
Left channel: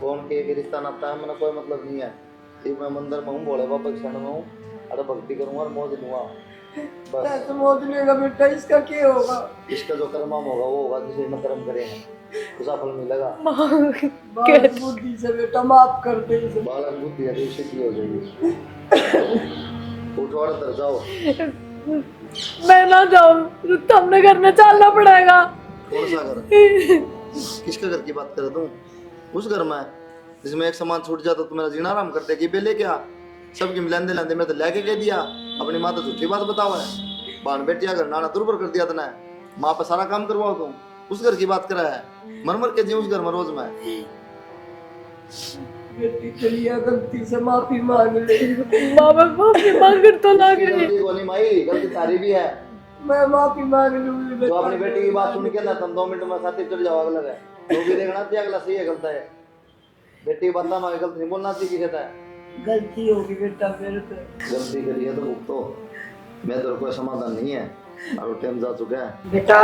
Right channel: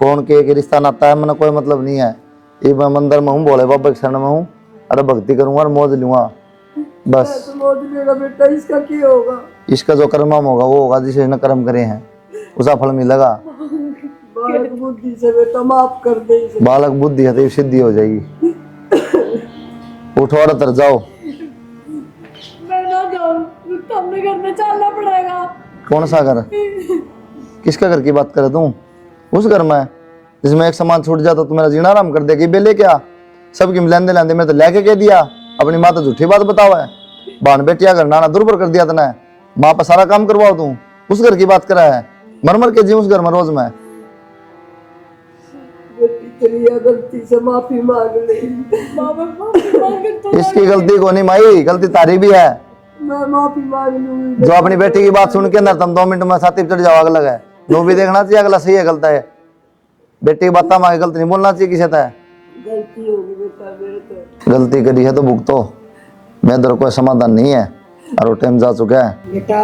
कौन के रिश्ता नाता है मैंने कोई मतलब नहीं है। ये मैं मंदिर में हूँ, भोले बाबा की शरण में हूँ, अरे भक्ति करूंगा और मौज लूंगा बस। मौज लेगा बेटा, इसका क्या होगा? इसका जो कर्म होगा वो होगा, जिसे इसने कर्म करे हैं उसका फल मिलेगा। बालक बुद्धि से बेटा माफ कर दे इसे। बालक बुद्धि है तो सिद्धि हो जाएगी। उठो और तर जाओ। मैं ना जाऊं, तुमने घर में चलना पड़ेगा। कौन सा घर? किसका घर की बात करे तू? उस घर में जिसमें एक सामान छूट जाता तो मेरा जीना आराम कर देगी। बेले क्या सबकी लेंदे लेंदे मैं तो लेके कह दिया, अपनी माँ तो झूठी बात बताओ है। बाण बेटिया घर नाना दुर्बर कर दिया तने, माँ पर सारा काम करवाओ तू, उस घर की बात करा है। मर मर के जी उस घर में रोज में। बेटी चलिए गलती से माफी मांग ले, बाबा माफी मांग तो इसकी गलती को नहीं माई, गलती तारी भी है। मैं माफी मांग लूंगी। जो अपनी बेटी की बात सुन के अंदर तुम 2 मिनट में छाती पे चढ़ जाओ, अलग है। नो भी देखना चाहिए अगला सही है गलत है। बेटी की बात मांगे गलत नहीं बोलना चाहिए किसी तरह। गलती होगी बेटा मेरे से। गलती करी है तो भुगतो, मेरे दर कोई समाधान नहीं है और वो टाइम जा चुका है। बेटा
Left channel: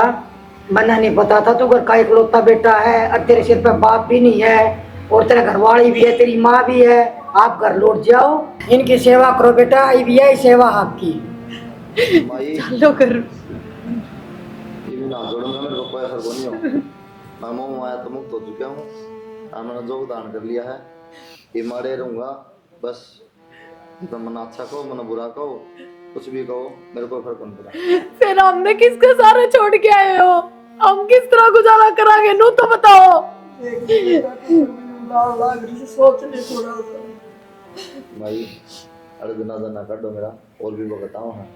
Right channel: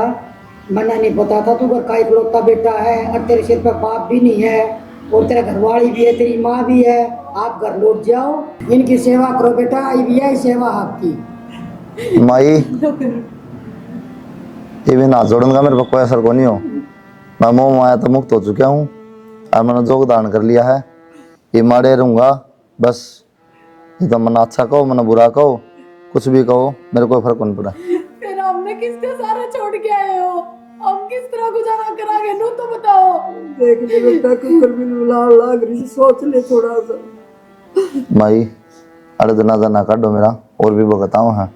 मना नहीं पता था तू घर का इकलौता बेटा है, और तेरे सिर पे बाप भी नहीं है, और तेरा घरवाली भी है, तेरी माँ भी है। आप घर लौट जाओ, इनकी सेवा करो बेटा, ये भी है सेवा आपकी। माई ये भी ना जोड़ूंगा, मेरे पर कोई असर को नहीं हो। मैं मोह माया तो मुक्त हो चुका हूँ और मैंने जोग दान कर लिया है। ये मारे रहूंगा बस। ये तो मना अच्छा कहो मना बुरा कहो, कुछ भी कहो, मेरे को फर्क नहीं पड़ा। फिर हमने किसका सारा छोड़ के आए हो, हम किस तरह गुजारा करांगे, नू तो बताओ। देख ले बेटा कुकर भी लाग रही, सोच ले थोड़ा सा। माई अरे जनाजा ना काटो मेरा, और भी बताओ है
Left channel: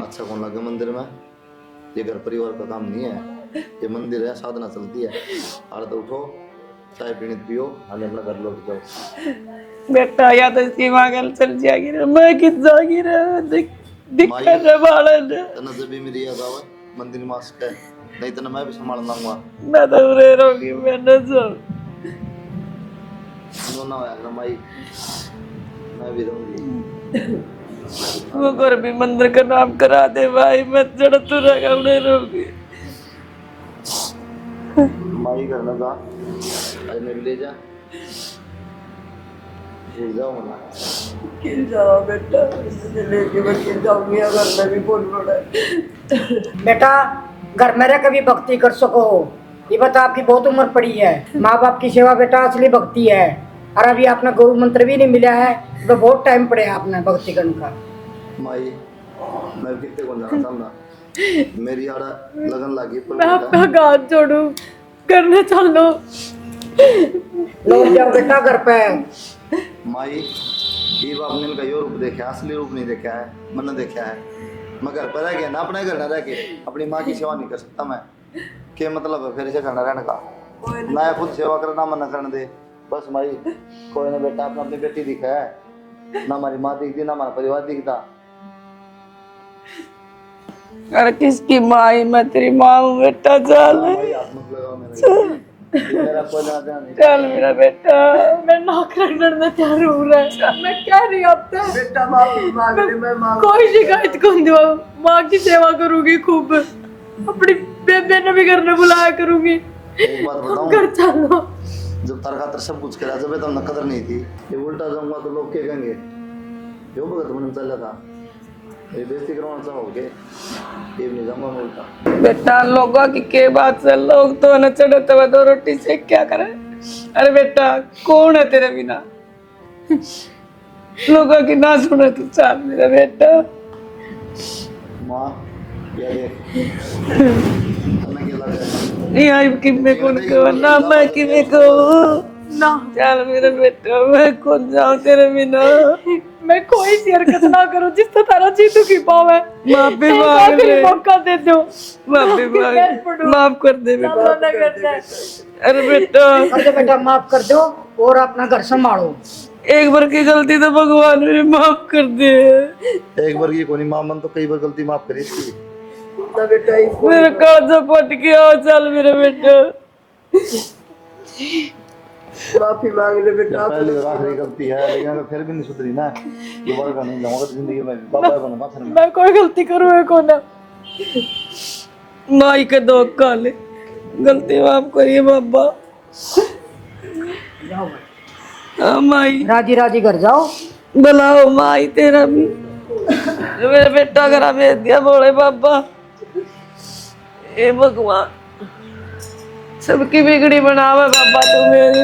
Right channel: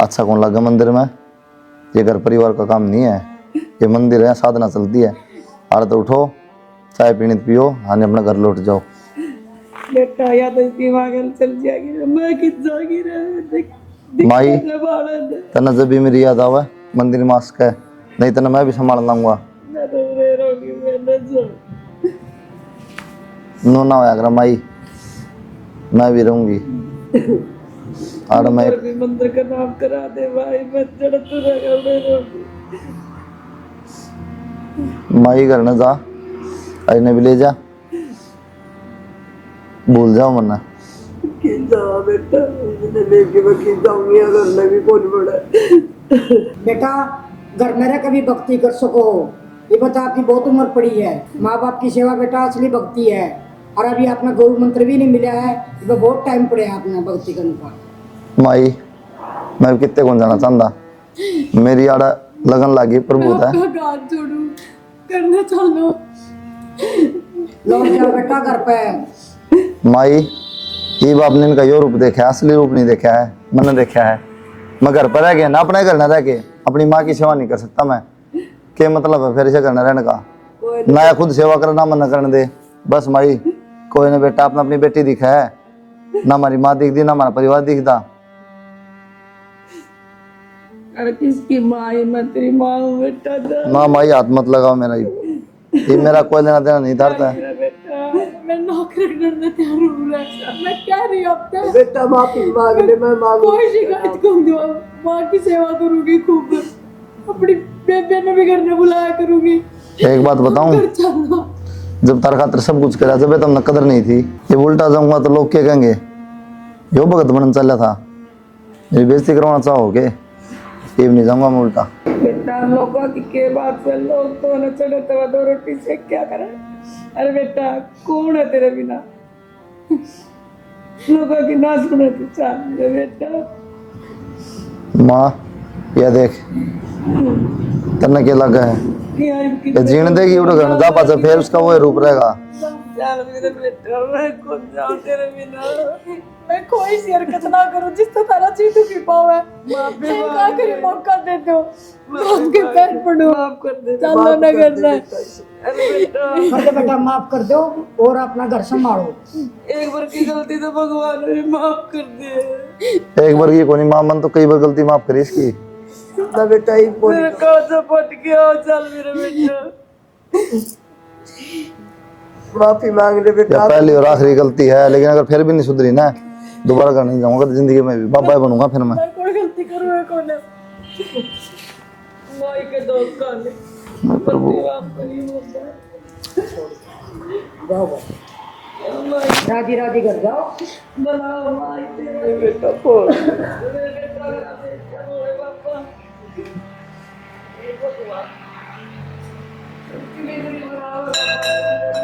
अच्छा कौन लगा मंदिर में। ये घर परिवार का काम नहीं है, ये मंदिर है, साधना चलती है। अरे तो उठो, चाय पीनी पियो, हाँ अपने घर लौट जाओ। बेटा या तो इसकी मांगल चल जाएगी ना, मैं किस जाएगी ना। माई तना जब भी मेरी याद आवे मंदिर मास्क है, नहीं तना मैं भी संभाल लाऊंगा। मैं तो रे रोगी, मैं न जाऊं। नो ना होया माई, मैं भी रहूंगी। और वो मैं घर भी मंदिर का नाम करा दे भाई, मैं जड़ तू रहा उड़े रोगी। माई घर न जा, अजने भी ले जा, भूल जाओ मरना। बेटा इसने लेके मैं की जाऊंगी, अगर मैं भी बहुत बड़ा बेटा घर में रह कभी भक्ति कर सको, ये बता आपकी बहुत उम्र पड़ी है। माँ बाप की सेवा बेटा असली भक्ति है। और अभी आपने गुरु मंत्र भी नहीं मिला है, तो बहुत टाइम पड़े आपने भक्ति करने का। माई मैं कितने कौन जाना चाहता, मेरी आड़ा लगन लागी प्रभु है। आपका हाथ जोड़ू, करने चलो। लौट जाओ बेटा घर पे। माई ये बाप ने इनका यो रूप देखा है, असली रूप नहीं देखा है, मैंने देखा है। मैं घर पर रह गया ना, अपने घर न रह के अपनी माँ की सेवा नहीं कर सकता मैं, क्या मतलब है फिर इसे घर न रहने का? ना या खुद सेवा करना मन न करने दे, बस माई कोई ने बेटा अपना अपनी बेटी दिखा है, ना हमारी माँ दिखती ना हमारा परिवार दिखता। अरे किसकी माँ है? मैं तेरी माँ हूँ बेटा। चल माँ माई हाथ मत लगाओ मेरा, ये मेरा कोई लेना देना नहीं था। मेरा बेटा, मैं नौक रखने तैयार हूँ रे। मैं कह रही हूँ अब तक बेटा माफी मांग ले, मैं मांग कोई शिकायत कौन दूँ, माँ की सेवा करूंगी खूब, अपनी बेबे ने भी घर में बुलाया करूंगी। एक बात बताऊं, घर चलो। जब तार खातर सब कुछ करा जब तुमने कदर नहीं थी, ये उल्टा जाऊंगा तो लोग क्या कहेंगे, यो भगत बनन चला था, मेरी बेइज्जती करवाना चाहोगे, ये भी नहीं जाऊंगा मैं उल्टा। बेटा लोगों की के बात से लोग तो न चढ़े तो दो रोटी से क्या करे। अरे बेटा कौन है तेरे बिना, लोगों की ना सुने तू। चाल मेरा बेटा। माँ ये देख तन्ने के लगा है, जीने देगी उड़ गया जा पास फिर उसका वो रूप रहेगा ना। चल मेरा बेटा, मैं खुद जाऊं तेरे बिना, मैं कोई सी हरकत ना करूं जिससे तारा जी दुखी पावे। माफी मांग ले, मौका दे दो, माफ कर दे, माफ ना करना। अरे बेटा अरे बेटा माफ कर दो और अपना घर संभालो। एक बार की गलती तो भगवान ने माफ कर दे। एक बार की कोनी माँ मन तो कई बार गलती माफ करी इसकी। बेटा मेरे काजा पट गया। चल मेरे बेटा, माफी मांग ले बेटा। पहली और आखिरी गलती है, लेकिन अगर फिर भी नहीं सुधरी ना, दोबारा कर नहीं जाऊंगा जिंदगी में भी, बाबा बनूंगा फिर मैं कोई गलती करूँ है कौन है? माई के दो काले गलती माफ करिए बाबा। जाओ भाई, हाँ माई, राजी राजी घर जाओ। बुलाओ माई तेरा भी। मेरे बेटा करा भेज दिया बोले बाबा। ए भगवान, सबकी बिगड़ी बनावे बाबा तू मेरी।